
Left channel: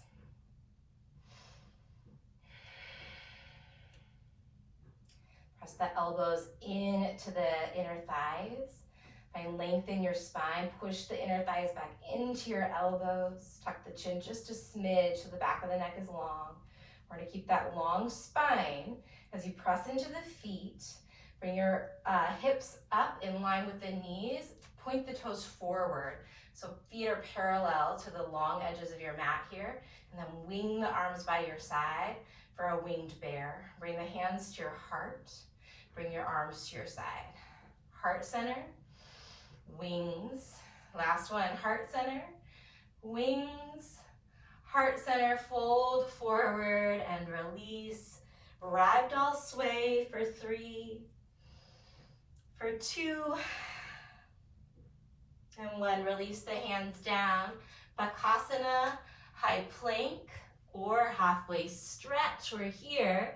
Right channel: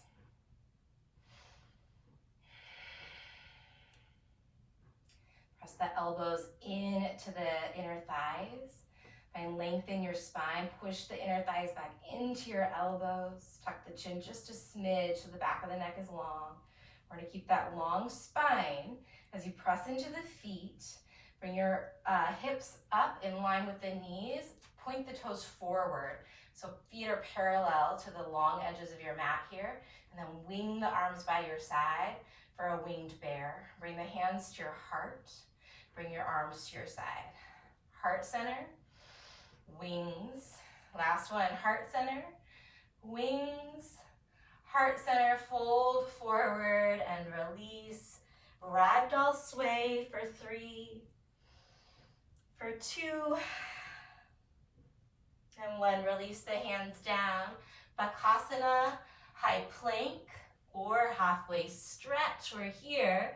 Press the elbows into the inner thighs. Find length in your spine. Push the inner thighs back into your elbows. Tuck the chin just a smidge so the back of the neck is long. We're going to keep that long spine as you press into the feet. Bring your hips up in line with the knees. Point the toes forward. So feet are parallel to the long edges of your mat here. And then wing the arms by your side for a winged bear. Bring the hands to your heart. Bring your arms to your side. Heart center, wings. Last one, heart center, wings. Heart center, fold forward and release. Ragdoll sway for 3, for 2, and 1. Release the hands down. Bakasana, high plank or halfway stretch. We're here.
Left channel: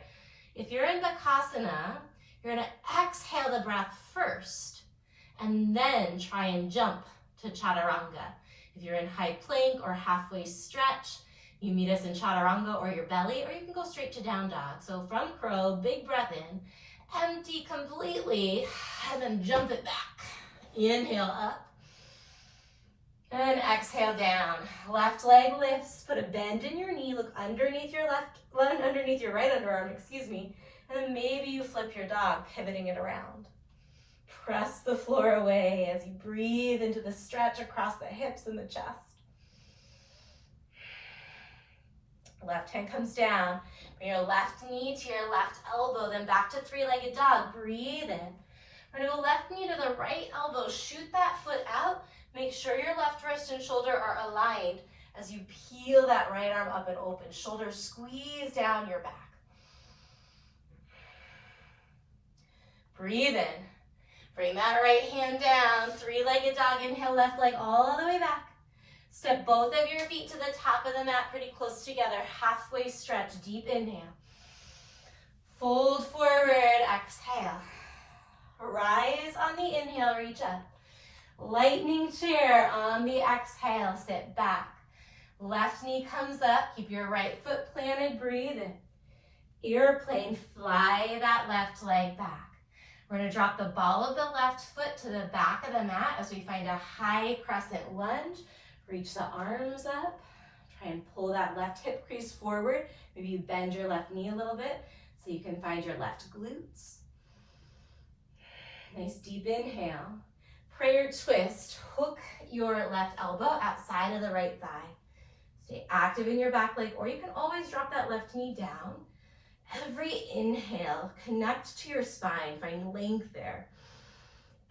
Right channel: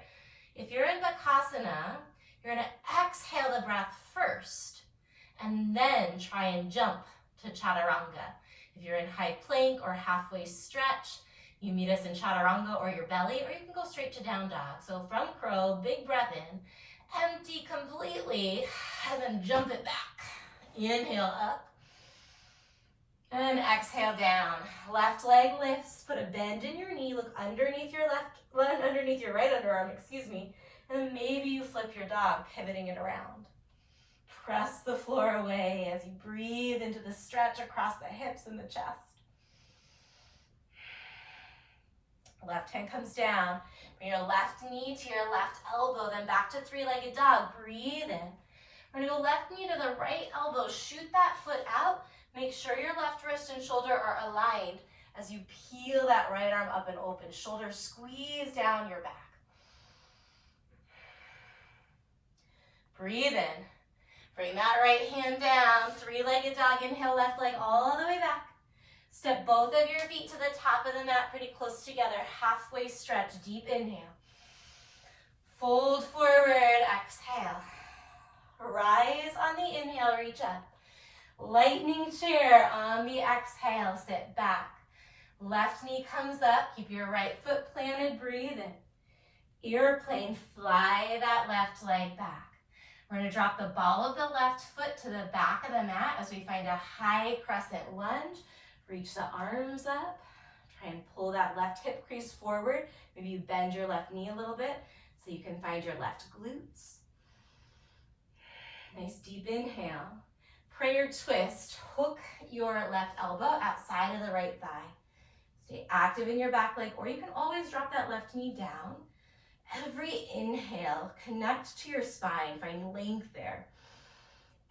If you're in Bakasana, you're gonna exhale the breath first and then try and jump to Chaturanga. If you're in high plank or halfway stretch, you meet us in Chaturanga or your belly, or you can go straight to down dog. So from crow, big breath in, empty completely, and then jump it back. Inhale up, and exhale down. Left leg lifts, put a bend in your knee, look underneath your underneath your right underarm, and then maybe you flip your dog, pivoting it around. Press the floor away as you breathe into the stretch across the hips and the chest. Left hand comes down. Bring your left knee to your left elbow, then back to three-legged dog. Breathe in. We're gonna go left knee to the right elbow. Shoot that foot out. Make sure your left wrist and shoulder are aligned as you peel that right arm up and open. Shoulders squeeze down your back. Breathe in. Bring that right hand down. Three-legged dog. Inhale, left leg all the way back. Step both of your feet to the top of the mat pretty close together. Halfway stretch, deep inhale. Fold forward, exhale. Rise on the inhale, reach up. Lightning chair on the exhale, sit back. Left knee comes up, keep your right foot planted, breathe in. Airplane, fly that left leg back. We're gonna drop the ball of the left foot to the back of the mat as we find a high crescent lunge. Reach the arms up. Try and pull that left hip crease forward. Maybe you bend your left knee a little bit so you can find your left glutes. Nice deep inhale. Prayer twist. Hook your left elbow outside of the right thigh. Stay active in your back leg, or you can always drop that left knee down. Every inhale, connect to your spine, find length there.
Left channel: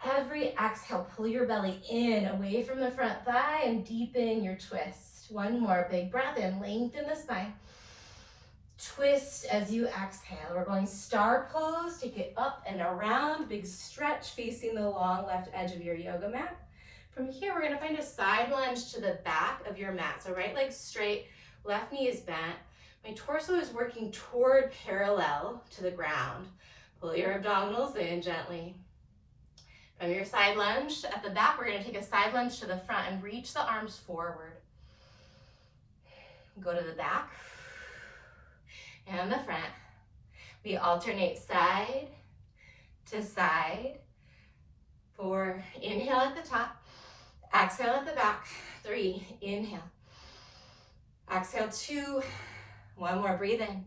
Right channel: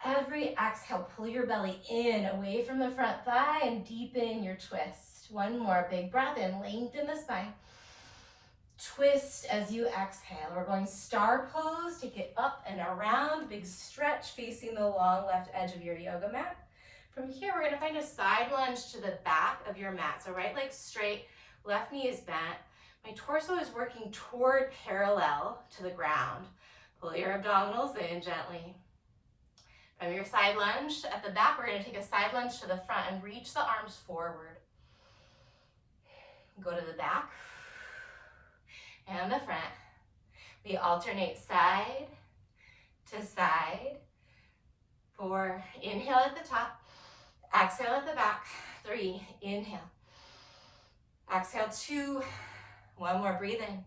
Every exhale, pull your belly in, away from the front thigh, and deepen your twist. One more, big breath in, lengthen the spine. Twist as you exhale. We're going star pose, take it up and around, big stretch facing the long left edge of your yoga mat. From here, we're gonna find a side lunge to the back of your mat. So right leg straight, left knee is bent. My torso is working toward parallel to the ground. Pull your abdominals in gently. From your side lunge at the back, we're gonna take a side lunge to the front and reach the arms forward. Go to the back and the front. We alternate side to side. 4, inhale at the top, exhale at the back. 3, inhale. Exhale, 2, one more, breathe in.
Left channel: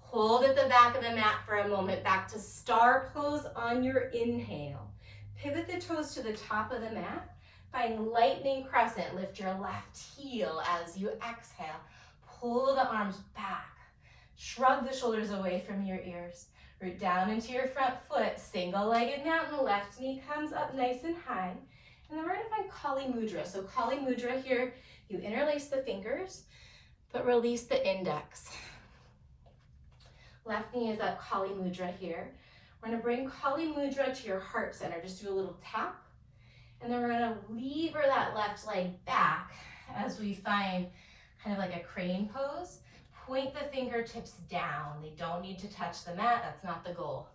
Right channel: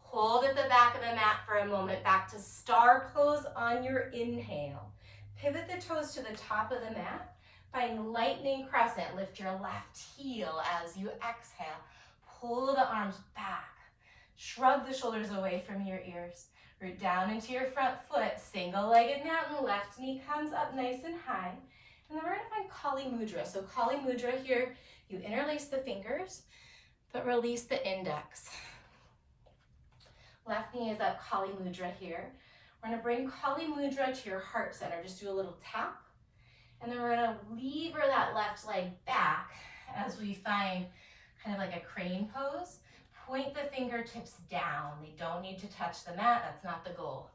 Hold at the back of the mat for a moment, back to star pose on your inhale. Pivot the toes to the top of the mat. Find lightning crescent, lift your left heel as you exhale. Pull the arms back. Shrug the shoulders away from your ears. Root down into your front foot, single-legged mountain, left knee comes up nice and high. And then we're gonna find Kali Mudra. So Kali Mudra here, you interlace the fingers, but release the index. Left knee is up, Kali Mudra here. We're gonna bring Kali Mudra to your heart center. Just do a little tap. And then we're gonna lever that left leg back as we find kind of like a crane pose. Point the fingertips down. They don't need to touch the mat, that's not the goal.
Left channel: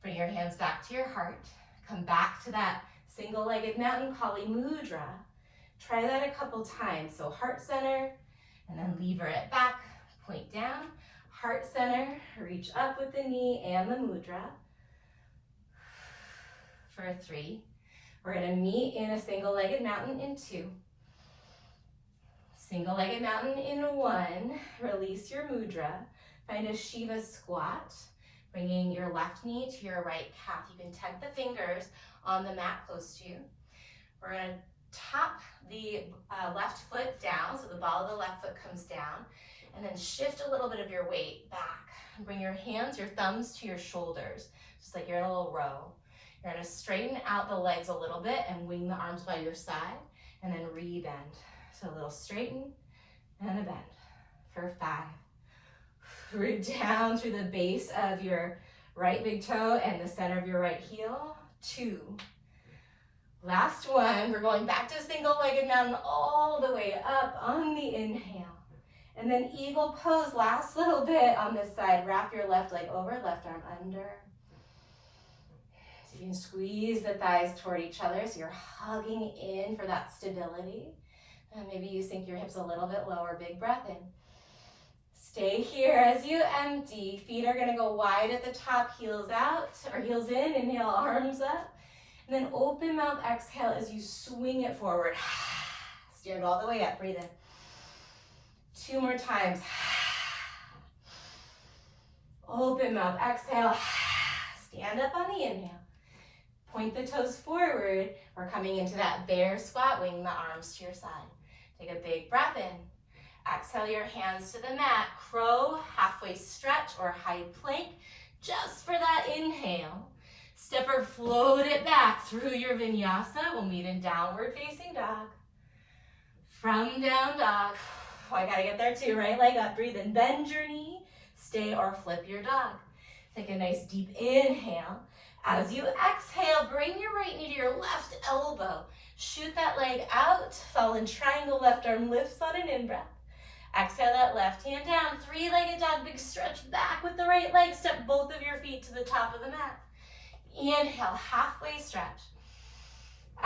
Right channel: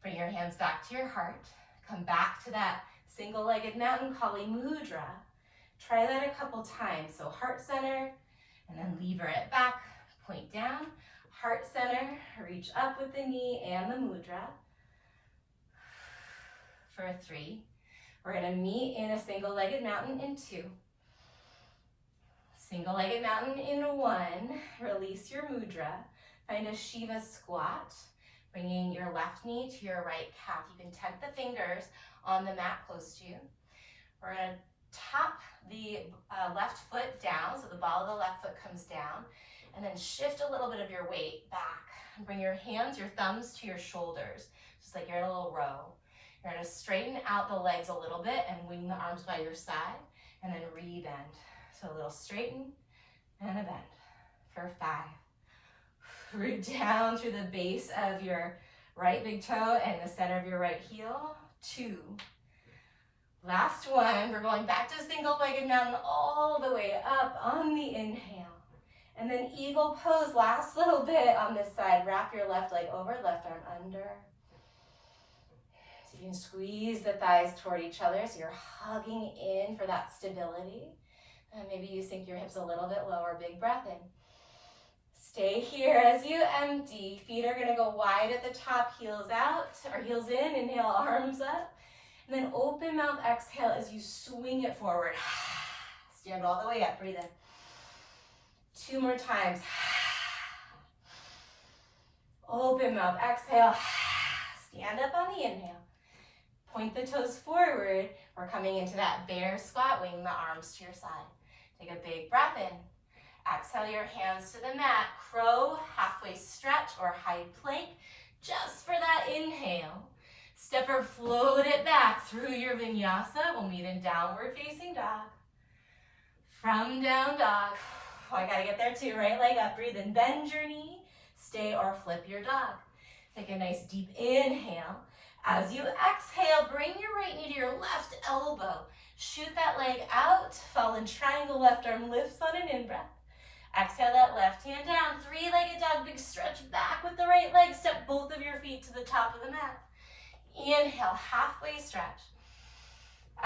Bring your hands back to your heart. Come back to that single-legged mountain, Kali Mudra. Try that a couple times. So heart center, and then lever it back, point down. Heart center, reach up with the knee and the mudra. For 3. We're gonna meet in a single-legged mountain in 2. Single-legged mountain in 1. Release your mudra. Find a Shiva squat, bringing your left knee to your right calf. You can tuck the fingers on the mat close to you. We're gonna tap the left foot down, so the ball of the left foot comes down, and then shift a little bit of your weight back. And bring your hands, your thumbs to your shoulders, just like you're in a little row. You're gonna straighten out the legs a little bit and wing the arms by your side, and then re-bend. So a little straighten and a bend for 5. Root down through the base of your right big toe and the center of your right heel. 2. Last one, we're going back to single-legged mountain all the way up on the inhale. And then eagle pose, last little bit on this side. Wrap your left leg over, left arm under. So you can squeeze the thighs toward each other so you're hugging in for that stability. And maybe you sink your hips a little bit lower, big breath in. Stay here as you empty. Feet are gonna go wide at the top, heels out, or heels in, inhale, arms up. And then open mouth, exhale as you swing it forward. Stand all the way up, breathe in. 2 more times. Open mouth, exhale. Stand up on the inhale. Point the toes forward. We're coming into that bear squat, wing the arms to your side. Take a big breath in. Exhale your hands to the mat. Crow, halfway stretch or high plank, just for that inhale. Step or float it back through your vinyasa. We'll meet in downward facing dog. From down dog. Oh, I gotta get there too. Right leg up, breathe in. Bend your knee. Stay or flip your dog. Take a nice deep inhale. As you exhale, bring your right knee to your left elbow. Shoot that leg out, fallen triangle, left arm lifts on an in-breath. Exhale that left hand down, three-legged dog, big stretch back with the right leg. Step both of your feet to the top of the mat. Inhale, halfway stretch.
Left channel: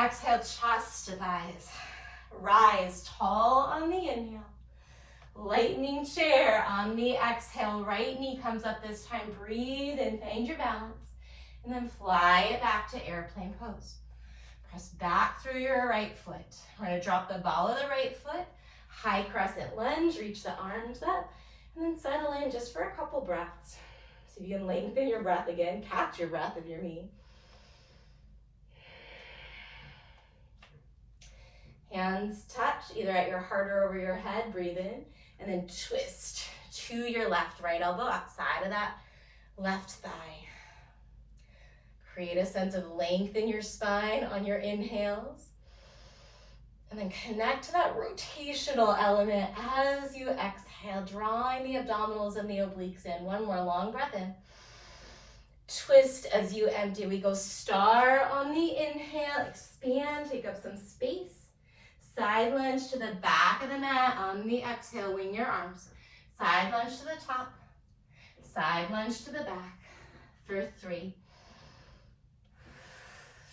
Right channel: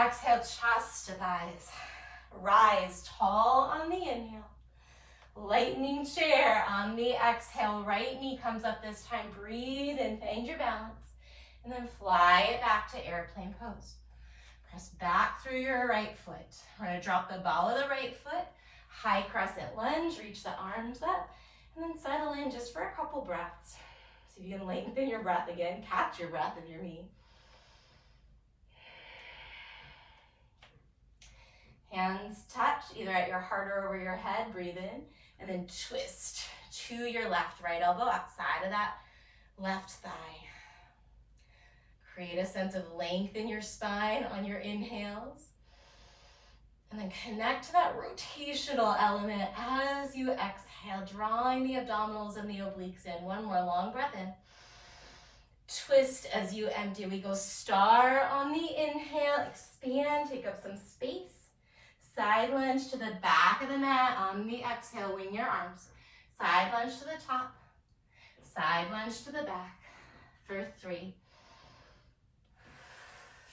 Exhale, chest to thighs. Rise tall on the inhale. Lightning chair on the exhale. Right knee comes up this time. Breathe and find your balance. And then fly it back to airplane pose. Press back through your right foot. We're going to drop the ball of the right foot. High crescent lunge. Reach the arms up. And then settle in just for a couple breaths. So you can lengthen your breath again. Catch your breath if you're me. Hands touch either at your heart or over your head. Breathe in. And then twist to your left. Right elbow outside of that left thigh. Create a sense of length in your spine on your inhales. And then connect to that rotational element as you exhale, drawing the abdominals and the obliques in. One more long breath in. Twist as you empty. We go star on the inhale. Expand, take up some space. Side lunge to the back of the mat. On the exhale, wing your arms. Side lunge to the top. Side lunge to the back. For 3.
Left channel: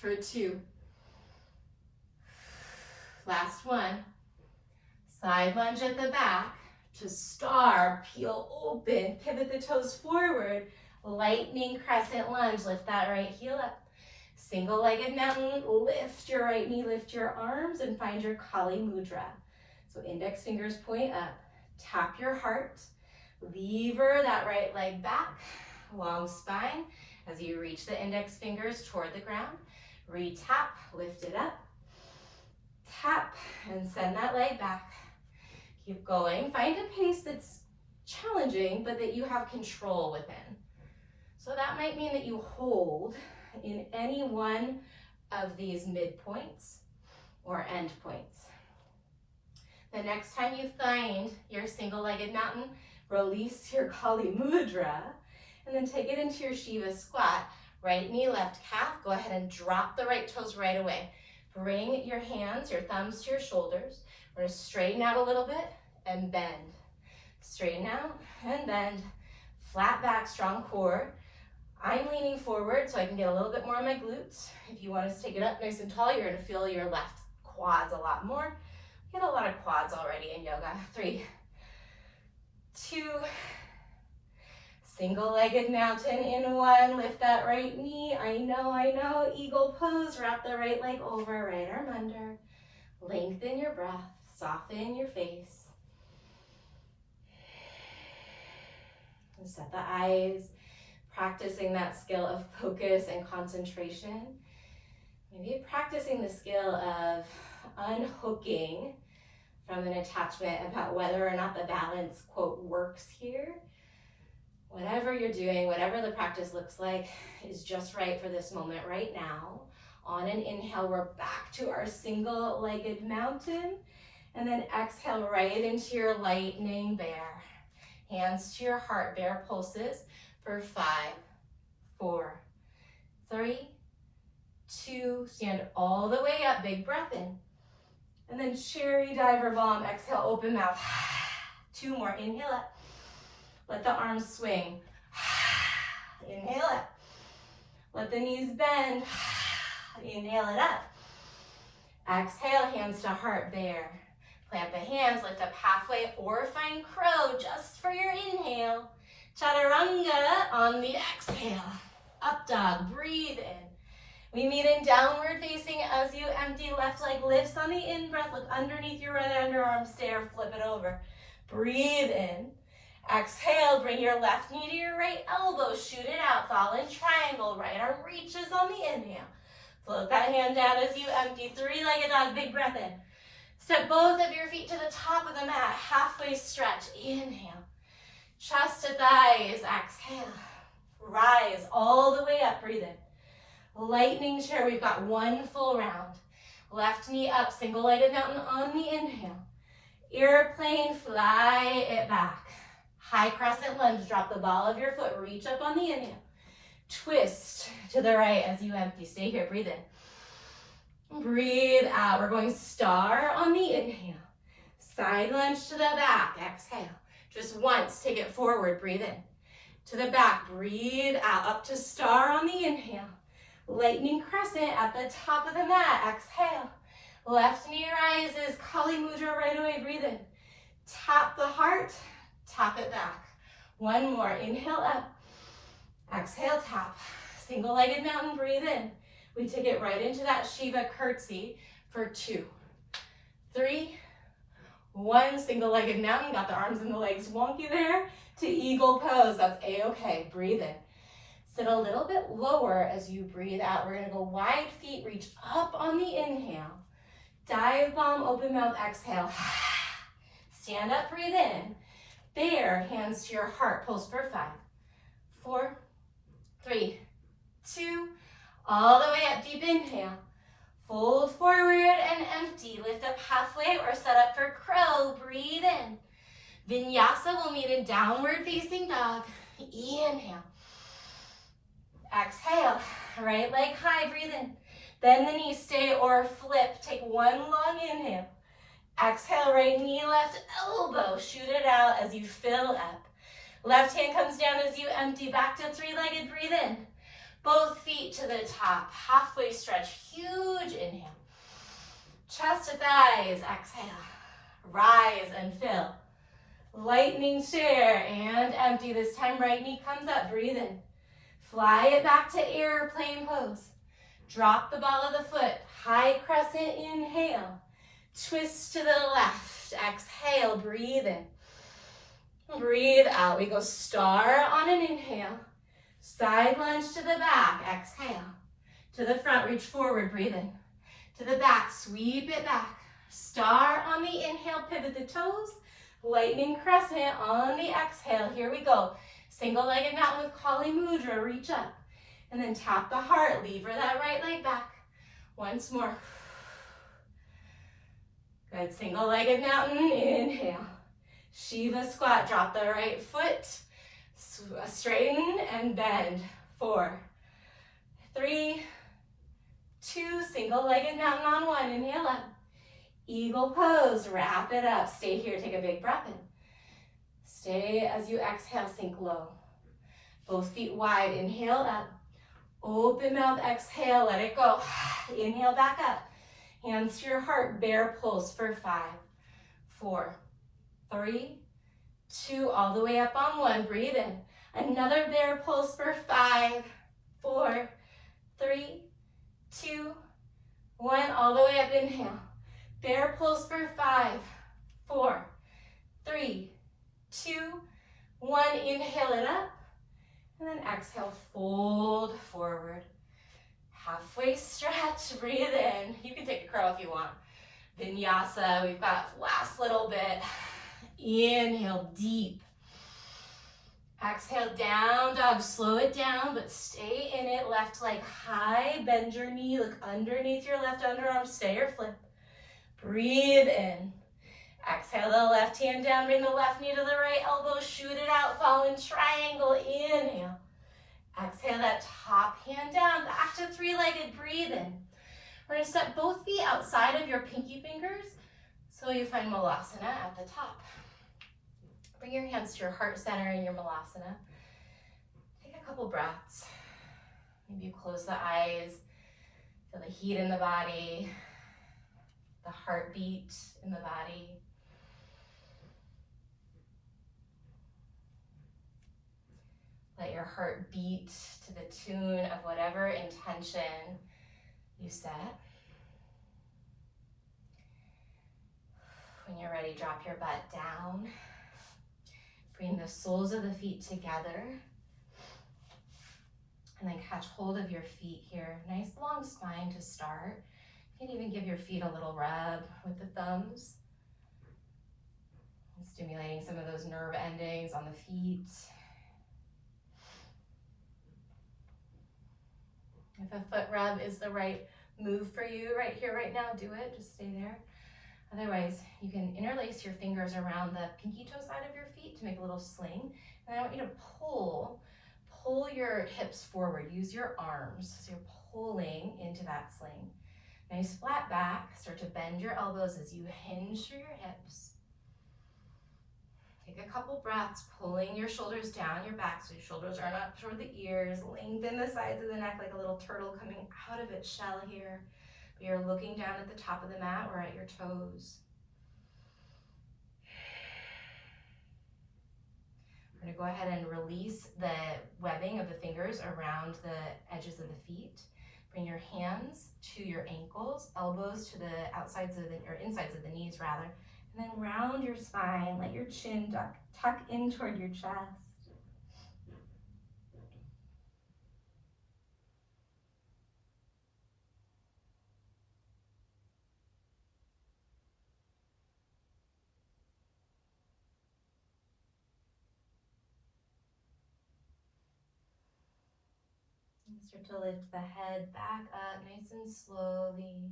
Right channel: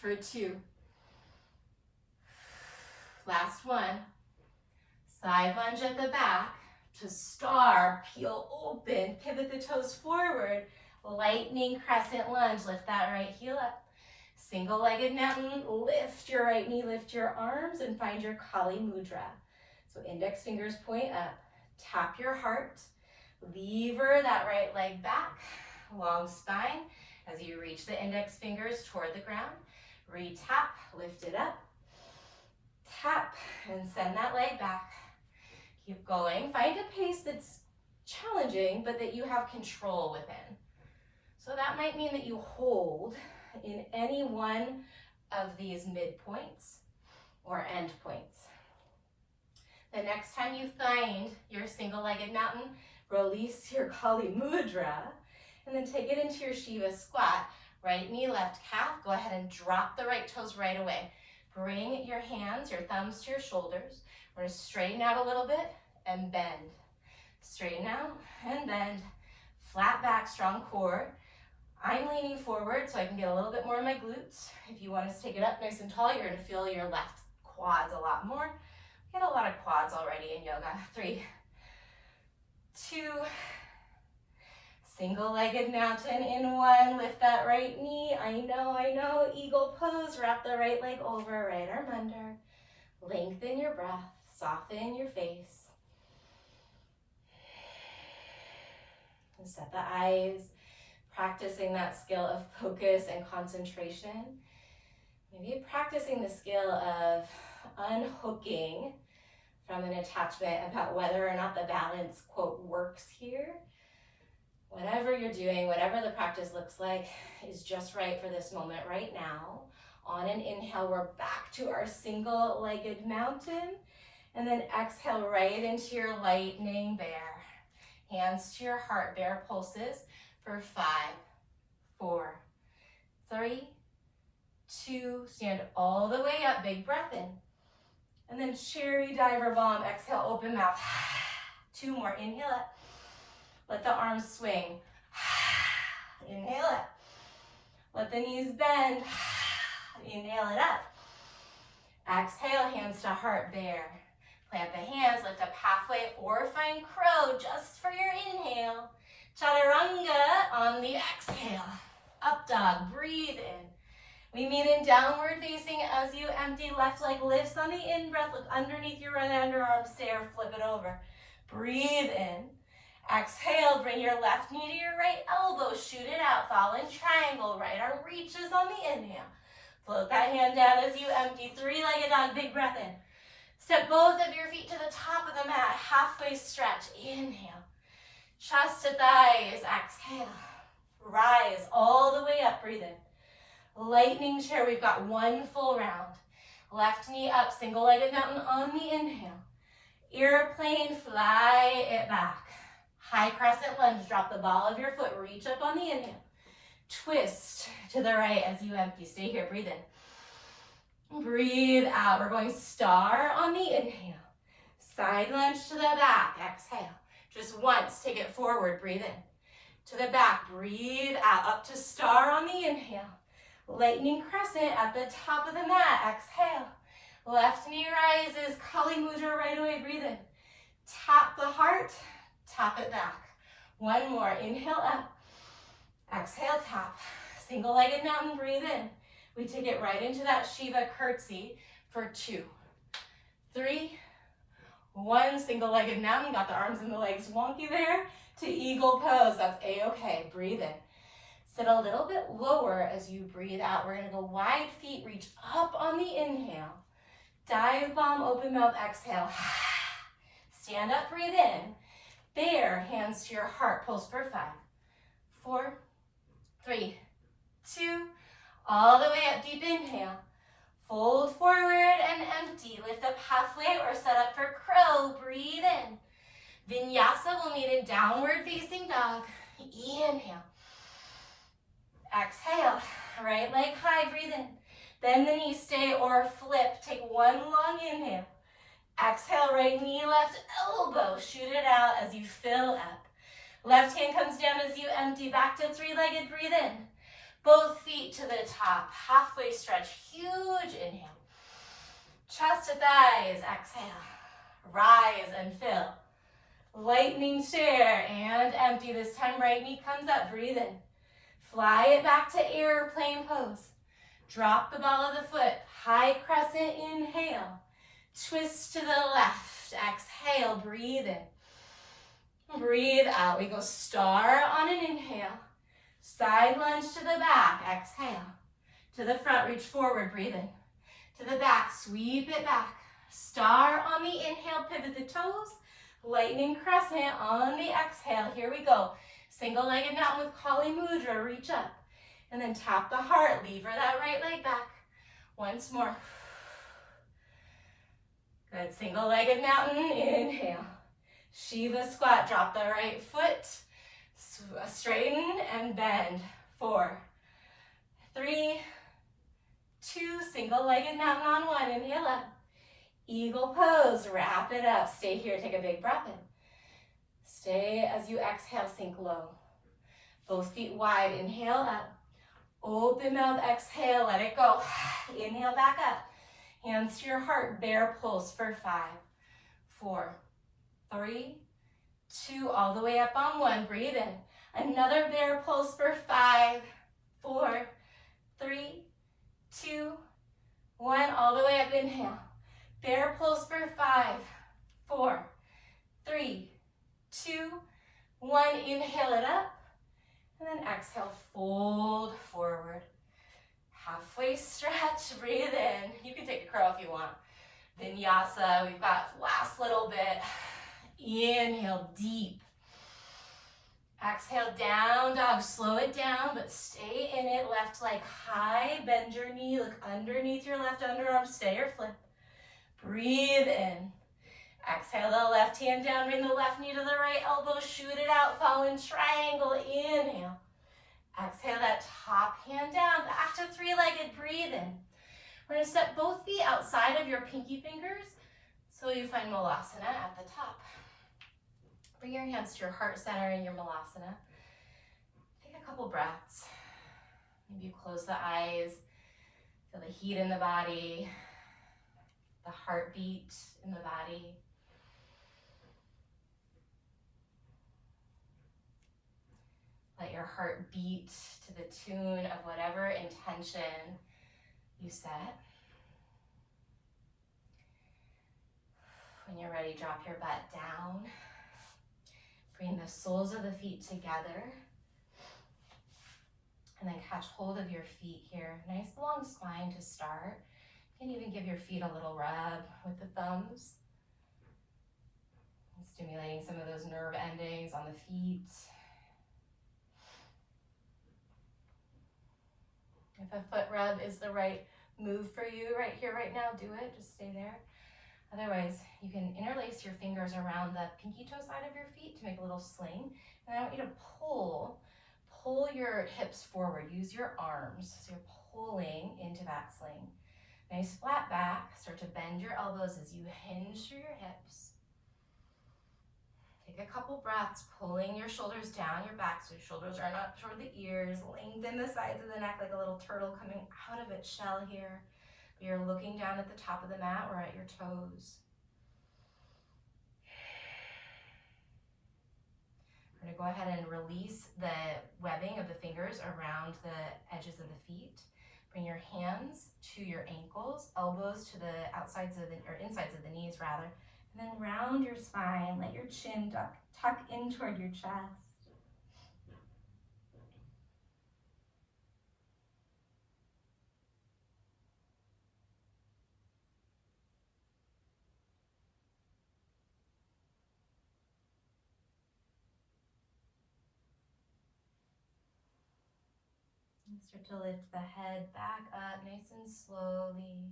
For 2. Last one. Side lunge at the back to star. Peel open. Pivot the toes forward. Lightning crescent lunge. Lift that right heel up. Single-legged mountain, lift your right knee, lift your arms, and find your Kali Mudra. So index fingers point up, tap your heart, lever that right leg back, long spine. As you reach the index fingers toward the ground, re-tap, lift it up, tap, and send that leg back. Keep going. Find a pace that's challenging, but that you have control within. So that might mean that you hold in any one of these midpoints or end points. The next time you find your single-legged mountain, release your Kali Mudra, and then take it into your Shiva squat. Right knee, left calf. Go ahead and drop the right toes right away. Bring your hands, your thumbs to your shoulders. We're going to straighten out a little bit and bend. Straighten out and bend. Flat back, strong core. I'm leaning forward so I can get a little bit more of my glutes. If you want us to take it up nice and tall, you're going to feel your left quads a lot more. We get a lot of quads already in yoga. 3, 2, single-legged mountain in 1. Lift that right knee. I know. Eagle pose. Wrap the right leg over, right arm under. Lengthen your breath. Soften your face. And set the eyes. Practicing that skill of focus and concentration. Maybe practicing the skill of unhooking from an attachment about whether or not the balance, quote, works here. Whatever you're doing, whatever the practice looks like, is just right for this moment right now. On an inhale, we're back to our single-legged mountain. And then exhale right into your lightning bear. Hands to your heart, bear pulses. For 5, 4, 3, 2, stand all the way up, big breath in. And then cherry diver bomb, exhale, open mouth. 2 more, inhale up. Let the arms swing. Inhale up. Let the knees bend. Inhale it up. Exhale, hands to heart, bear. Plant the hands, lift up halfway or find crow just for your inhale. Chaturanga on the exhale. Up dog, breathe in. We meet in downward facing as you empty. Left leg lifts on the in-breath. Look underneath your right underarm, stare, flip it over. Breathe in. Exhale, bring your left knee to your right elbow. Shoot it out, fallen triangle. Right arm reaches on the inhale. Float that hand down as you empty. 3-legged dog, big breath in. Step both of your feet to the top of the mat. Halfway stretch. Inhale. Chest to thighs, exhale. Rise all the way up, breathe in. Lightning chair, we've got 1 full round. Left knee up, single-legged mountain on the inhale. Airplane, fly it back. High crescent lunge, drop the ball of your foot, reach up on the inhale. Twist to the right as you empty. Stay here, breathe in. Breathe out. We're going star on the inhale. Side lunge to the back, exhale. Just once, take it forward, breathe in. To the back, breathe out, up to star on the inhale. Lightning crescent at the top of the mat, exhale. Left knee rises, Kali Mudra right away, breathe in. Tap the heart, tap it back. One more, inhale up, exhale tap. Single-legged mountain, breathe in. We take it right into that Shiva curtsy for 2, 3, 1. Single-legged mountain, got the arms and the legs wonky there. To eagle pose, that's a-okay, breathe in. Sit a little bit lower as you breathe out. We're gonna go wide feet, reach up on the inhale. Dive bomb, open mouth, exhale. Stand up, breathe in. Bear, hands to your heart, pulse for 5, 4, 3, 2, all the way up, deep inhale. Fold forward and empty. Lift up halfway or set up for crow. Breathe in. Vinyasa will meet in downward facing dog. Inhale. Exhale. Right leg high, breathe in. Bend the knees, stay or flip. Take one long inhale. Exhale, right knee, left elbow. Shoot it out as you fill up. Left hand comes down as you empty. Back to three-legged, breathe in. Both feet to the top. Halfway stretch, huge inhale. Chest to thighs, exhale. Rise and fill. Lightning chair and empty. This time right knee comes up, breathe in. Fly it back to airplane pose. Drop the ball of the foot. High crescent, inhale. Twist to the left. Exhale, breathe in. Breathe out. We go star on an inhale. Side lunge to the back. Exhale. To the front, reach forward, breathe in. To the back, sweep it back. Star on the inhale, pivot the toes. Lightning crescent on the exhale. Here we go. Single-legged mountain with Kali Mudra. Reach up. And then tap the heart. Lever that right leg back. Once more. Good. Single-legged mountain. Inhale. Shiva squat. Drop the right foot. Straighten and bend. 4, 3, 2. Single-legged mountain on 1. Inhale up. Eagle pose. Wrap it up. Stay here. Take a big breath in. Stay as you exhale. Sink low. Both feet wide. Inhale up. Open mouth. Exhale. Let it go. Inhale back up. Hands to your heart. Bear pulse for 5, 4, 3, 2. All the way up on 1. Breathe in. Another bear pulse for 5, 4, 3, 2, 1. All the way up. Inhale. Bear pulse for 5, 4, 3, 2, 1. Inhale it up. And then exhale, fold forward. Halfway stretch, breathe in. You can take a crow if you want. Vinyasa, we've got last little bit. Inhale deep. Exhale, down dog. Slow it down, but stay in it. Left leg high, bend your knee. Look underneath your left underarm. Stay or flip. Breathe in. Exhale the left hand down, bring the left knee to the right elbow, shoot it out, fall in triangle, inhale. Exhale that top hand down, back to three-legged, breathe in. We're gonna step both feet outside of your pinky fingers so you find Malasana at the top. Bring your hands to your heart center in your Malasana. Take a couple breaths. Maybe you close the eyes, feel the heat in the body, the heartbeat in the body. Let your heart beat to the tune of whatever intention you set. When you're ready, drop your butt down. Bring the soles of the feet together. And then catch hold of your feet here. Nice long spine to start. You can even give your feet a little rub with the thumbs. And stimulating some of those nerve endings on the feet. If a foot rub is the right move for you right here, right now, do it. Just stay there. Otherwise, you can interlace your fingers around the pinky toe side of your feet to make a little sling. And I want you to pull pull your hips forward. Use your arms, so you're pulling into that sling. Nice flat back. Start to bend your elbows as you hinge through your hips. Take a couple breaths, pulling your shoulders down your back so your shoulders are up toward the ears. Lengthen the sides of the neck like a little turtle coming out of its shell here. You're looking down at the top of the mat or at your toes. We're going to go ahead and release the webbing of the fingers around the edges of the feet. Bring your hands to your ankles, elbows to the outsides of the, or insides of the knees rather, and then round your spine, let your chin tuck in toward your chest. And start to lift the head back up nice and slowly.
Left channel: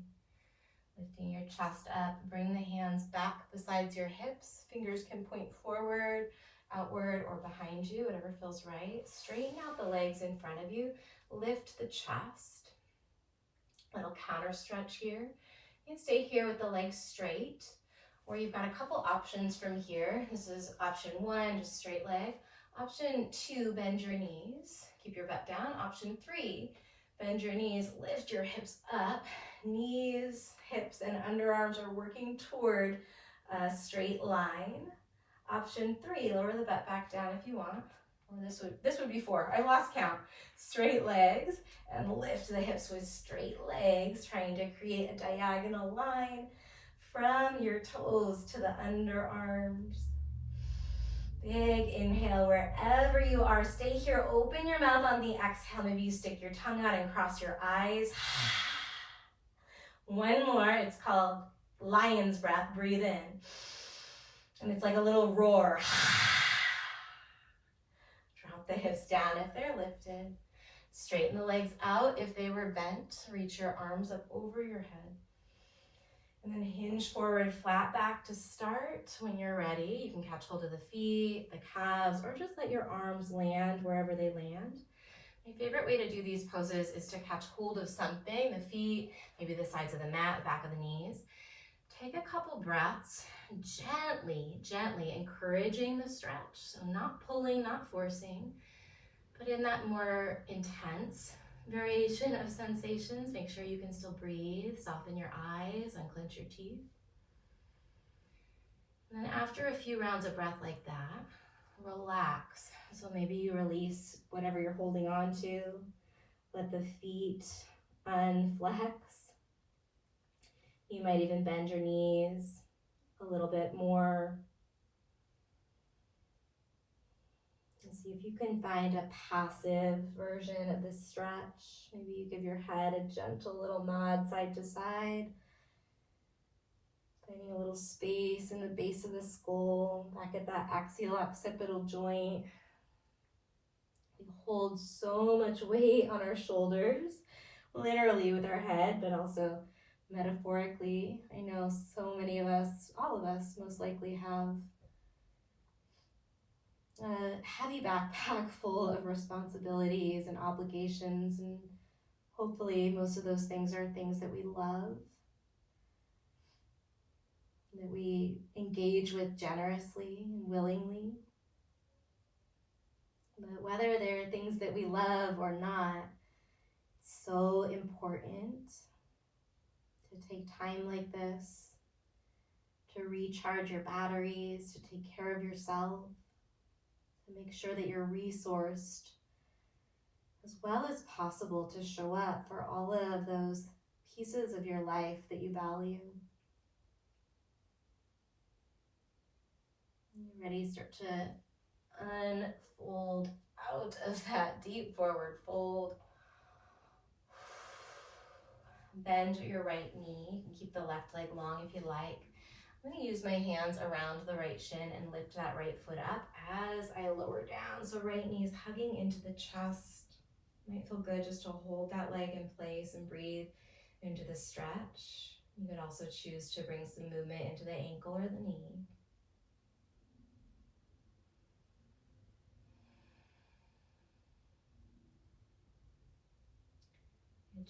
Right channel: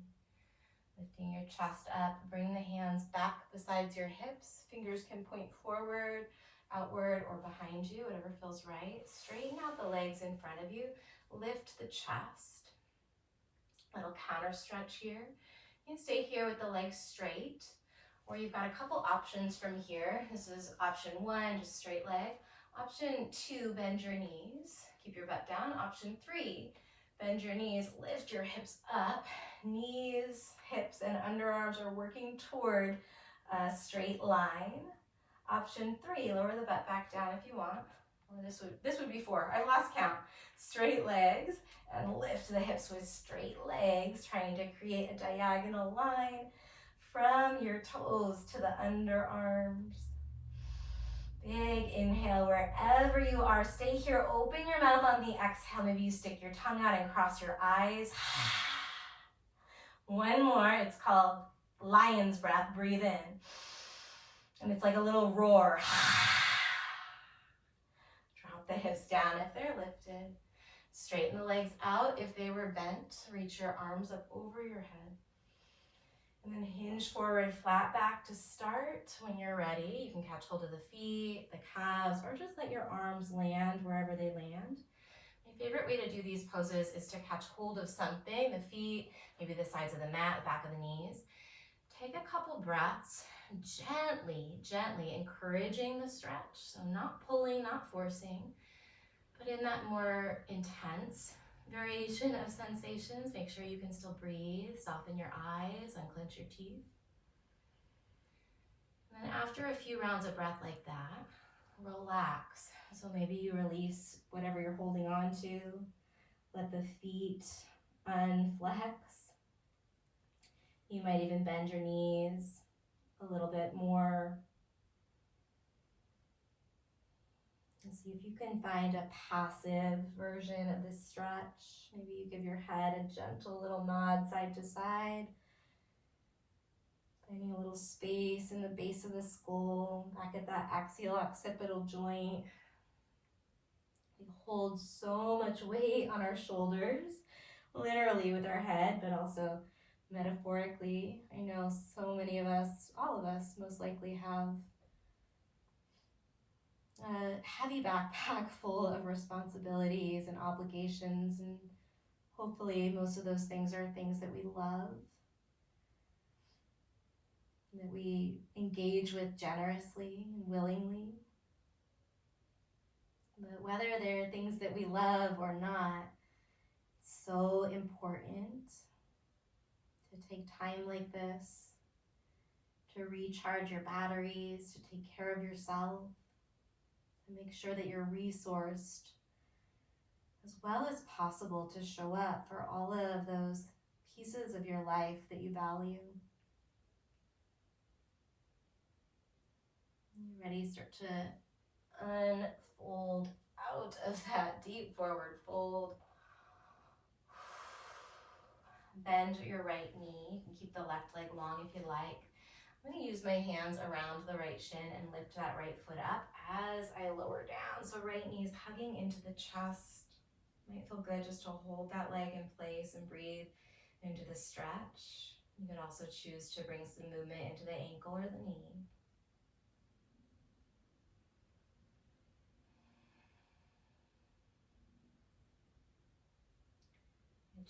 Lifting your chest up, bring the hands back besides your hips. Fingers can point forward, outward, or behind you, whatever feels right. Straighten out the legs in front of you. Lift the chest. Little counter stretch here. You can stay here with the legs straight, or you've got a couple options from here. This is option 1, just straight leg. Option 2, bend your knees. Keep your butt down. Option 3, bend your knees, lift your hips up. Knees, hips, and underarms are working toward a straight line. Option 3, lower the butt back down if you want. Or this would be 4. I lost count. Straight legs and lift the hips with straight legs, trying to create a diagonal line from your toes to the underarms. Big inhale wherever you are. Stay here. Open your mouth on the exhale. Maybe you stick your tongue out and cross your eyes. One more. It's called lion's breath. Breathe in. And it's like a little roar. Drop the hips down if they're lifted. Straighten the legs out if they were bent. Reach your arms up over your head. And then hinge forward, flat back to start. When you're ready, you can catch hold of the feet, the calves, or just let your arms land wherever they land. My favorite way to do these poses is to catch hold of something, the feet, maybe the sides of the mat, the back of the knees. Take a couple breaths, gently encouraging the stretch. So not pulling, not forcing, but in that more intense variation of sensations, make sure you can still breathe, soften your eyes, unclench your teeth. And then after a few rounds of breath like that, relax. So maybe you release whatever you're holding on to, let the feet unflex. You might even bend your knees a little bit more. And see if you can find a passive version of this stretch. Maybe you give your head a gentle little nod side to side. Finding a little space in the base of the skull, back at that axial occipital joint. We hold so much weight on our shoulders, literally with our head, but also metaphorically. I know so many of us, all of us most likely have a heavy backpack full of responsibilities and obligations, and hopefully most of those things are things that we love, that we engage with generously and willingly. But whether they're things that we love or not, it's so important to take time like this, to recharge your batteries, to take care of yourself, to make sure that you're resourced as well as possible to show up for all of those pieces of your life that you value. When you're ready, start to unfold out of that deep forward fold. Bend your right knee. You can keep the left leg long if you like. I'm going to use my hands around the right shin and lift that right foot up as I lower down. So right knee is hugging into the chest. Might feel good just to hold that leg in place and breathe into the stretch. You could also choose to bring some movement into the ankle or the knee.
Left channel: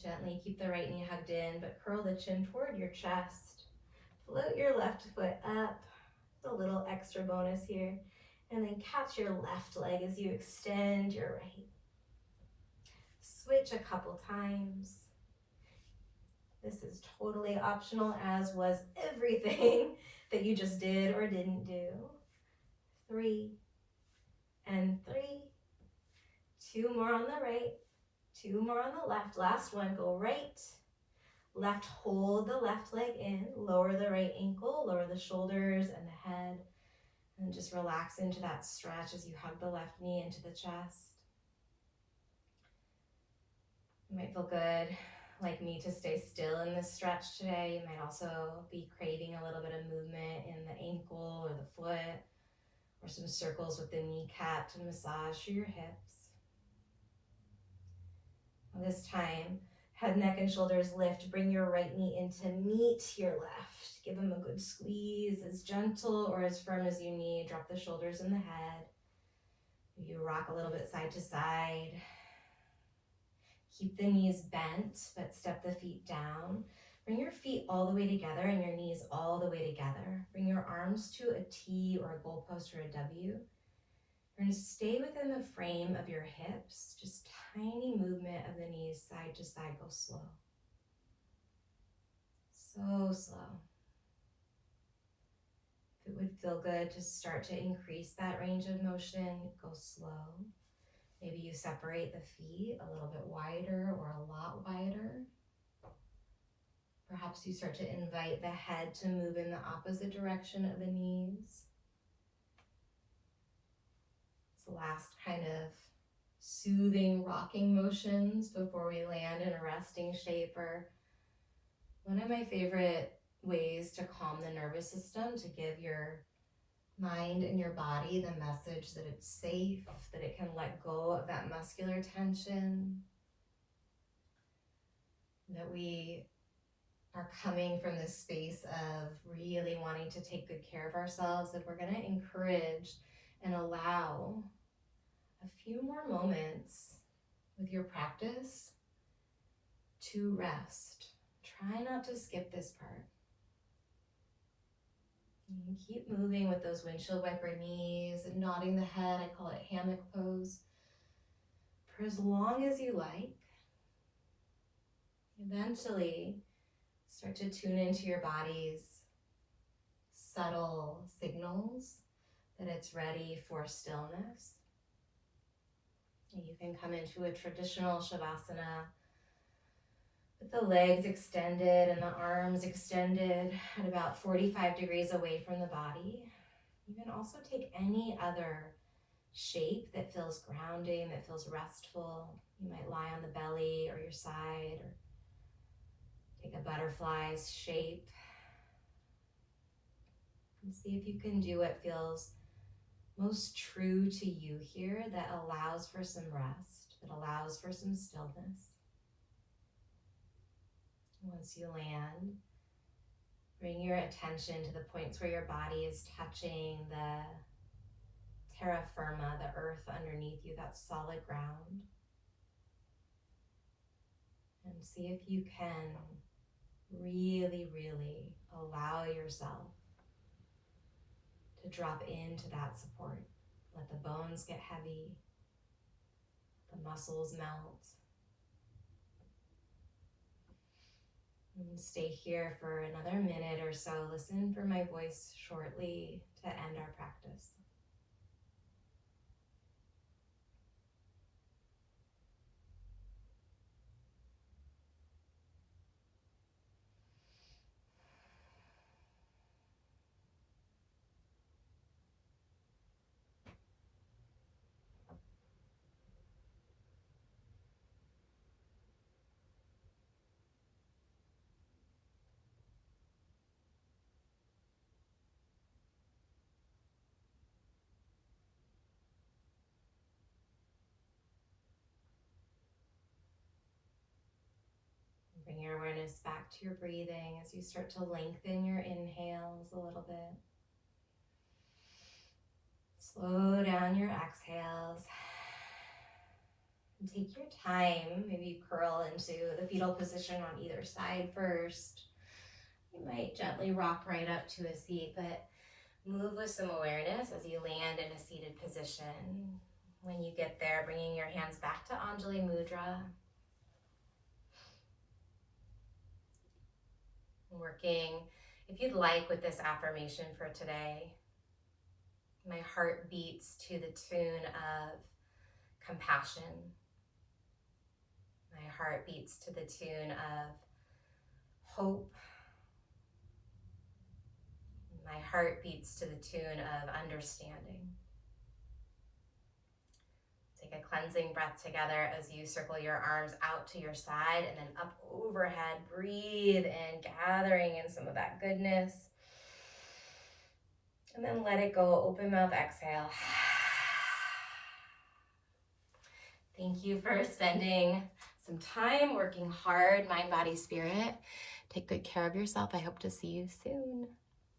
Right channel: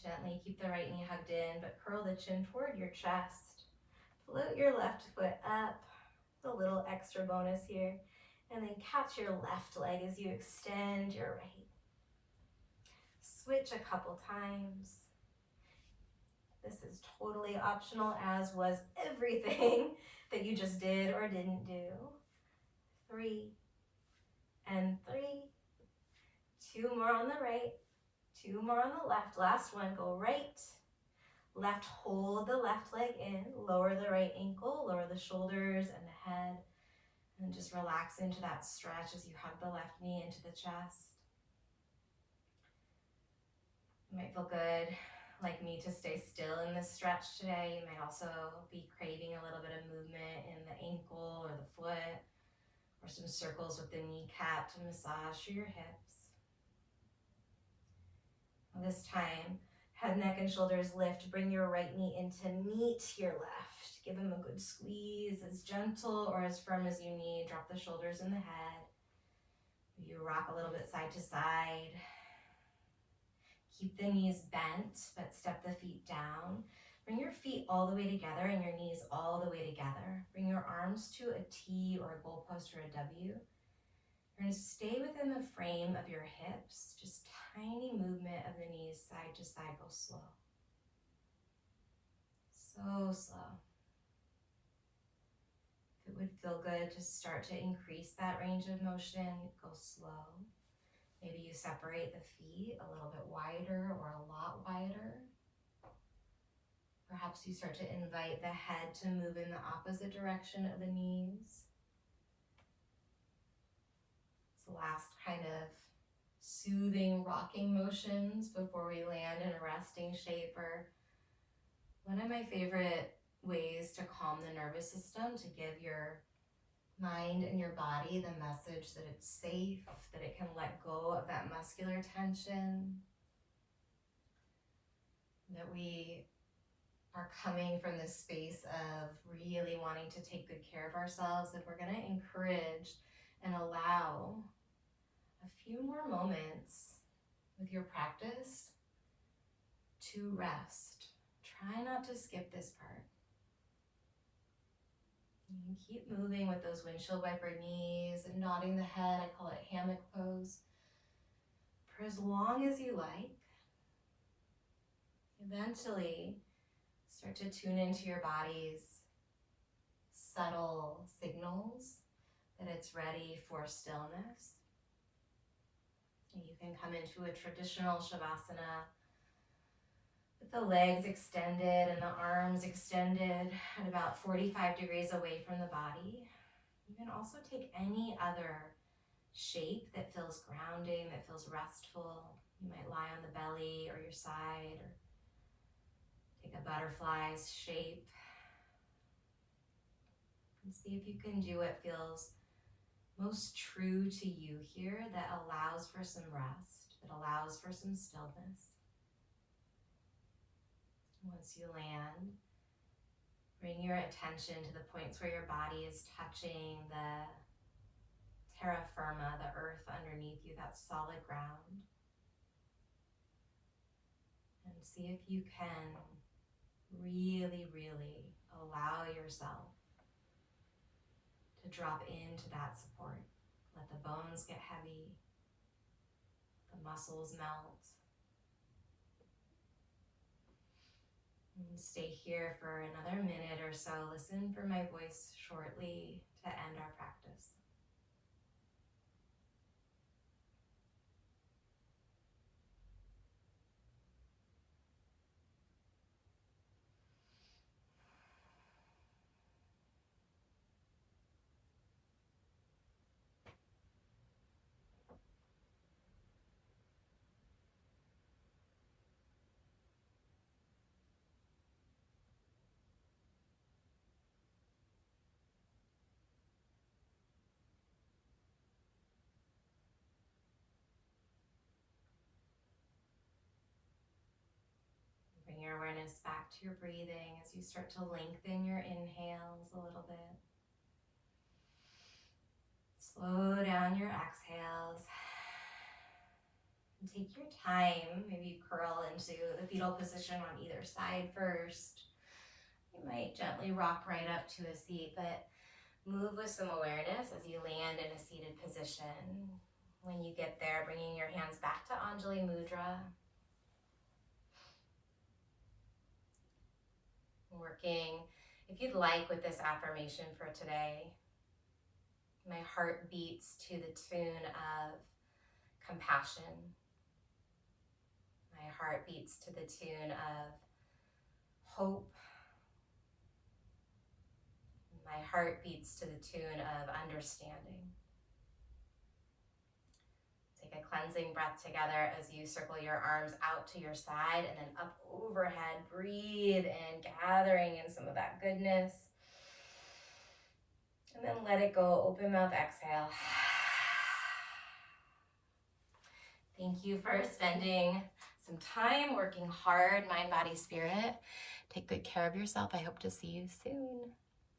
Gently keep the right knee hugged in, but curl the chin toward your chest. Float your left foot up. It's a little extra bonus here. And then catch your left leg as you extend your right. Switch a couple times. This is totally optional, as was everything that you just did or didn't do. 3 and 3. 2 more on the right, 2 more on the left. Last one, go right, left, hold the left leg in, lower the right ankle, lower the shoulders and the head, and just relax into that stretch as you hug the left knee into the chest. You might feel good, like me, to stay still in this stretch today. You might also be craving a little bit of movement in the ankle or the foot, or some circles with the kneecap to massage through your hips. This time, head, neck, and shoulders lift. Bring your right knee in to meet your left. Give them a good squeeze, as gentle or as firm as you need. Drop the shoulders in the head. You rock a little bit side to side. Keep the knees bent, but step the feet down. Bring your feet all the way together and your knees all the way together. Bring your arms to a T or a goalpost or a W. You're going to stay within the frame of your hips. Just tiny movement of the knees side to side. Go slow. So slow. If it would feel good to start to increase that range of motion, go slow. Maybe you separate the feet a little bit wider or a lot wider. Perhaps you start to invite the head to move in the opposite direction of the knees. It's the last kind of soothing rocking motions before we land in a resting shape, or one of my favorite ways to calm the nervous system, to give your mind and your body the message that it's safe, that it can let go of that muscular tension, that we are coming from this space of really wanting to take good care of ourselves, that we're going to encourage and allow a few more moments with your practice to rest. Try not to skip this part. And keep moving with those windshield wiper knees and nodding the head. I call it hammock pose. For as long as you like. Eventually, start to tune into your body's subtle signals that it's ready for stillness. And you can come into a traditional Shavasana with the legs extended and the arms extended at about 45 degrees away from the body. You can also take any other shape that feels grounding, that feels restful. You might lie on the belly or your side, or take a butterfly's shape. And see if you can do what feels most true to you here, that allows for some rest, that allows for some stillness. Once you land, bring your attention to the points where your body is touching the terra firma, the earth underneath you, that solid ground. And see if you can really, really allow yourself to drop into that support. Let the bones get heavy, the muscles melt. And stay here for another minute or so. Listen for my voice shortly to end our practice. Bring your awareness back to your breathing as you start to lengthen your inhales a little bit. Slow down your exhales. And take your time. Maybe curl into the fetal position on either side first. You might gently rock right up to a seat, but move with some awareness as you land in a seated position. When you get there, bringing your hands back to Anjali Mudra. Working, if you'd like, with this affirmation for today. My heart beats to the tune of compassion. My heart beats to the tune of hope. My heart beats to the tune of understanding. Take a cleansing breath together as you circle your arms out to your side and then up overhead. Breathe in, gathering in some of that goodness. And then let it go. Open mouth, exhale. Thank you for spending some time working hard, mind, body, spirit. Take good care of yourself. I hope to see you soon.